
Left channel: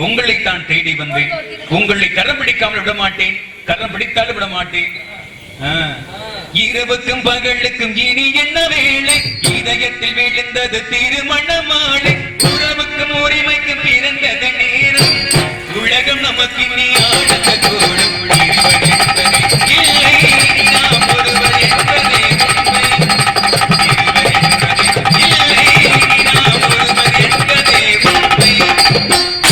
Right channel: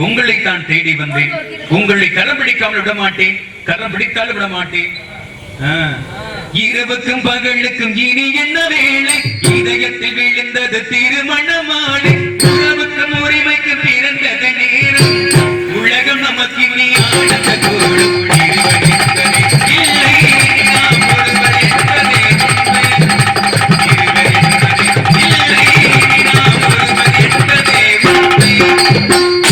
உங்களைத்தான் தேடி வந்தேன். உங்களை கரம் பிடிக்காமல் விட மாட்டேன், கரம் பிடித்தாலும் விட மாட்டேன். இரவுக்கும் பகலுக்கும் இனி என்ன வேலை, இதயத்தில் விழுந்தது திருமண மாலை. உறவுக்கும் உரிமைக்கும் பிறந்தது நேரம், உலகம் நமக்கு இனி ஆனந்த கூடும். இல்லை நாம் ஒருவர் என்பதே உண்மை, இல்லை நாம் ஒருவர் என்பதே உண்மை.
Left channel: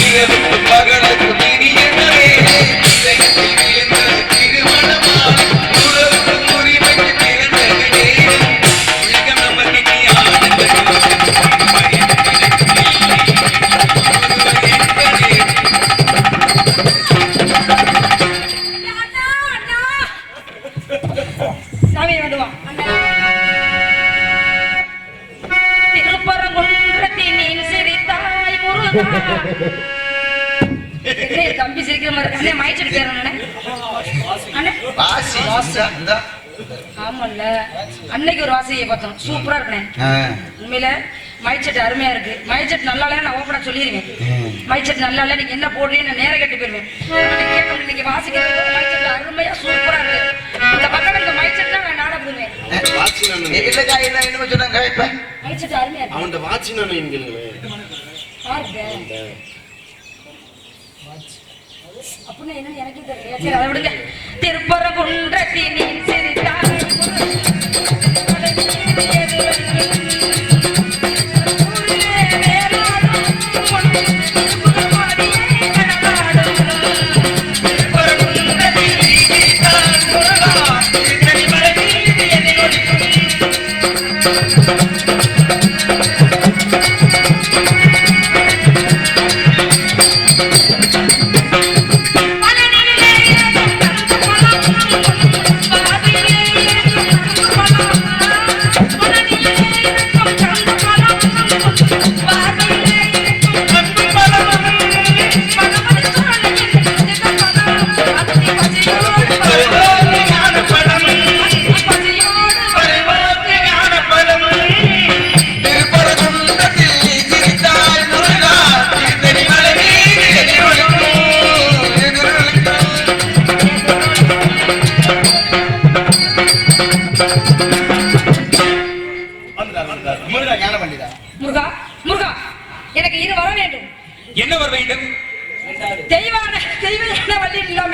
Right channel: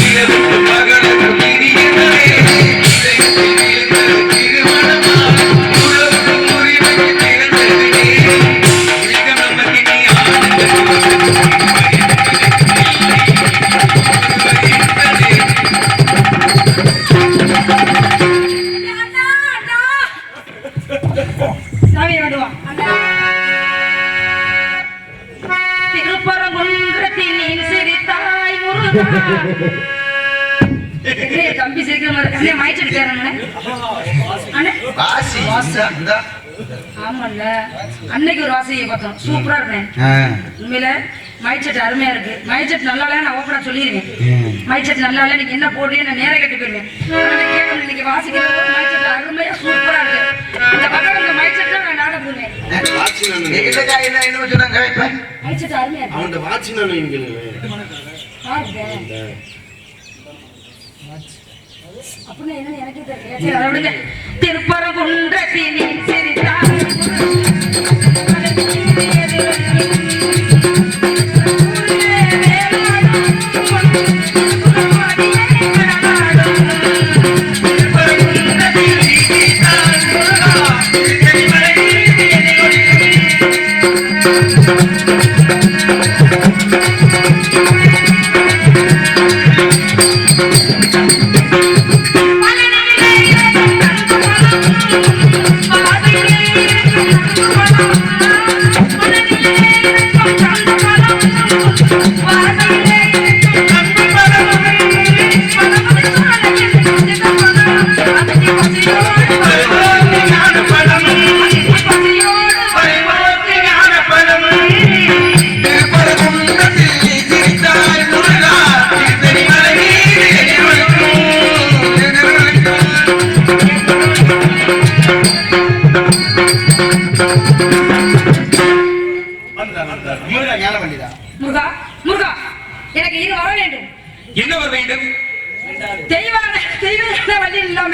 இரவுக்கும் பகலுக்கும் இனி என்ன வேலை, இதயத்தில் விழுந்தது திருமண மாலை. உறவுக்கும் உரிமைக்கும் என்ன தம்பி சிரிக்கிற மாதிரி அண்ணே மாய்ச்சிட்டு கேறானே அண்ணே வாசி இந்த ஆமால்ல அன்னைக்கு ஒரு வாசியை பார்த்தோம் சூப்பரா இருக்குனே உண்மையில மைச்செட் அருமையா இருக்கு மைச்செட் நல்லா இல்ல நான் ஓபனா சொல்லிடுவேன் மைச்செட் நல்லா இல்ல நீங்க என்ன போடுறீங்க நான் நேரா கேட்டு போயிருவேன் கேட்கணும் நீங்க வாசிக்கிறது மைச்செட் அருமையா சூப்பரா இருக்கு இந்த பக்கம் இந்த மைச்செட்ல நான் நாட போடுவேன் இல்லக்கா என்ன சொன்னாங்க மைச்செட் அருமையா இருக்கு அவன் வாட்சி நான் பாருங்க அப்படின்னு என்ன எனக்கு தெரியல சரி அதை விடுங்க திருப்பரங்குன்றத்தினி சிரித்தார் முருகா முருகா எனக்கு இது வர வேண்டும் என்ன வர வேண்டும் தெய்வான வள்ளி இல்லாம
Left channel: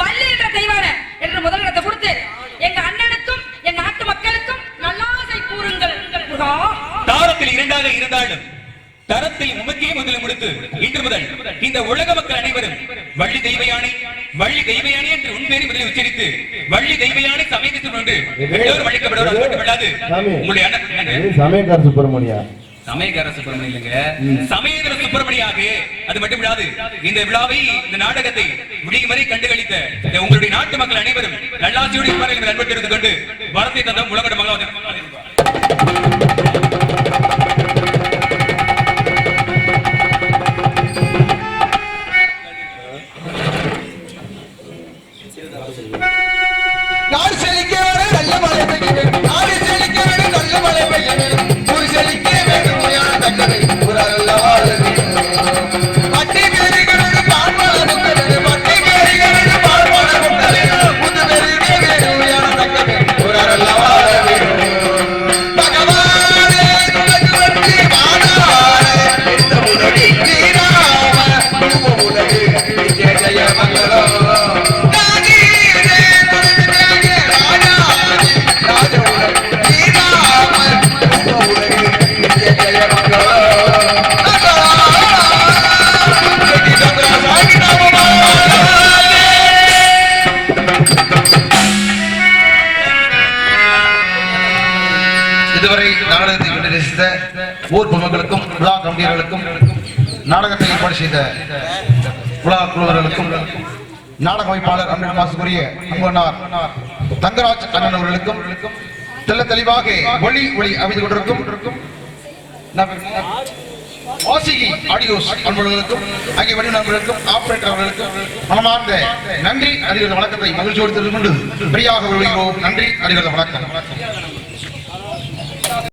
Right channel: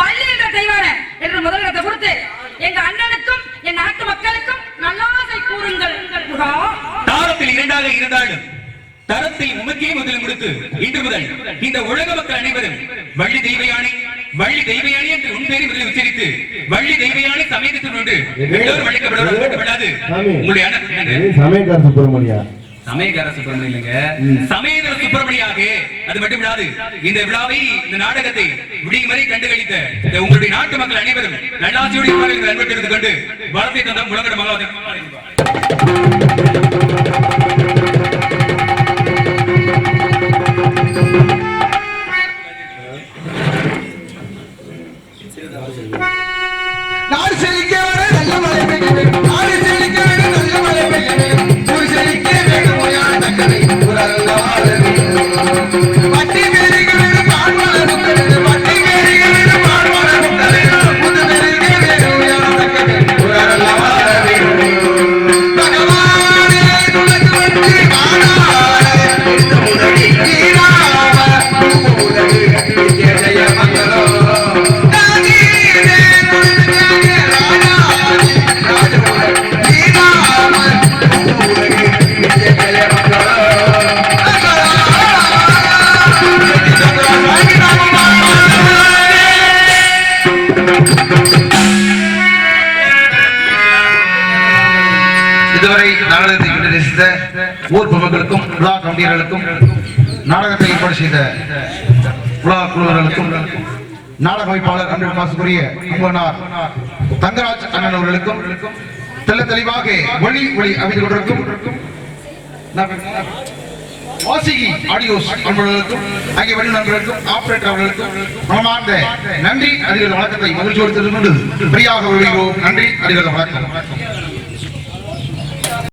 வள்ளி என்ற தெய்வான என்று முதலிடத்தை கொடுத்து எங்க அண்ணனுக்கும் என் நாட்டு மக்களுக்கும் நல்லாசை கூறுங்கள் முருகா தாரத்தில் இரண்டாக இருந்தாலும் தரத்தில் உமக்கே முதலில் கொடுத்து இன்று முதல் இந்த உலக மக்கள் அனைவரும் வள்ளி தெய்வயானி என்று உன் பேரை முதலில் உச்சரித்து வள்ளி தெய்வயானி சமயத்தில் உண்டு எல்லோரும் வழிக்கப்படுவது உங்களுடைய அண்ணன் சமயக்கார சுப்பிரமணியா சமயக்கார சுப்பிரமணியம் இல்லைங்க சமயதர சுப்பிரமணியாக அது மட்டும் விடாது இந்த விழாவை இந்த நாடகத்தை விடியும் வரை கண்டுகளித்த உங்களுடைய நாட்டு மக்கள் அனைவரும் நல்லாட்சியோடு இருப்பார்கள் அன்பட்டு எடுத்துக் கொண்டு வரத்தை தந்த முழங்கட மகளாவது நாடு செழிக்க நல்ல மழை பெய்ய வேண்டும் நாடு செழிக்க நல்ல மழை பெய்ய வேண்டும் ஊர் செழிக்க வேண்டும் உயர தக்கவை ஊரல்ல வாழ வேண்டும் பட்டி பேரிகளோடு பால்வளரும் கருது பட்டி பேரிகளோடு பால்வளரும் கருது புது பெருக வேண்டும் உயர தக்கவை ஊரல்ல வாழ வேண்டும் பகவானே துளசி வச்சு வாழாட இந்த உதவி வீராம உதவி ஜெய ஜெய மங்களம் இதுவரை நாடகத்தை கண்டு ரசித்த ஊர் பொதுமக்களுக்கும் விழா கமிட்டியர்களுக்கும் நாடகத்தை ஏற்பாடு செய்த விழா குழுவர்களுக்கும் நாடக அமைப்பாளர் அன்பு மாசுக்குரிய அன்பனார் தங்கராஜ் அண்ணன் அவர்களுக்கும் தெல்ல தெளிவாக ஒளி அமைத்துக் கொண்டிருக்கும் வாசிகி ஆடியோஸ் அன்பர்களுக்கும் ஆகிய வழி நண்பர்களுக்கும் ஆபரேட்டர் அவர்களுக்கும் மனமார்ந்த நன்றி அதிகார வணக்கத்தை மகிழ்ச்சியோடு தெரிந்து கொண்டு பிரியாக நன்றி அதிகார வணக்கம்.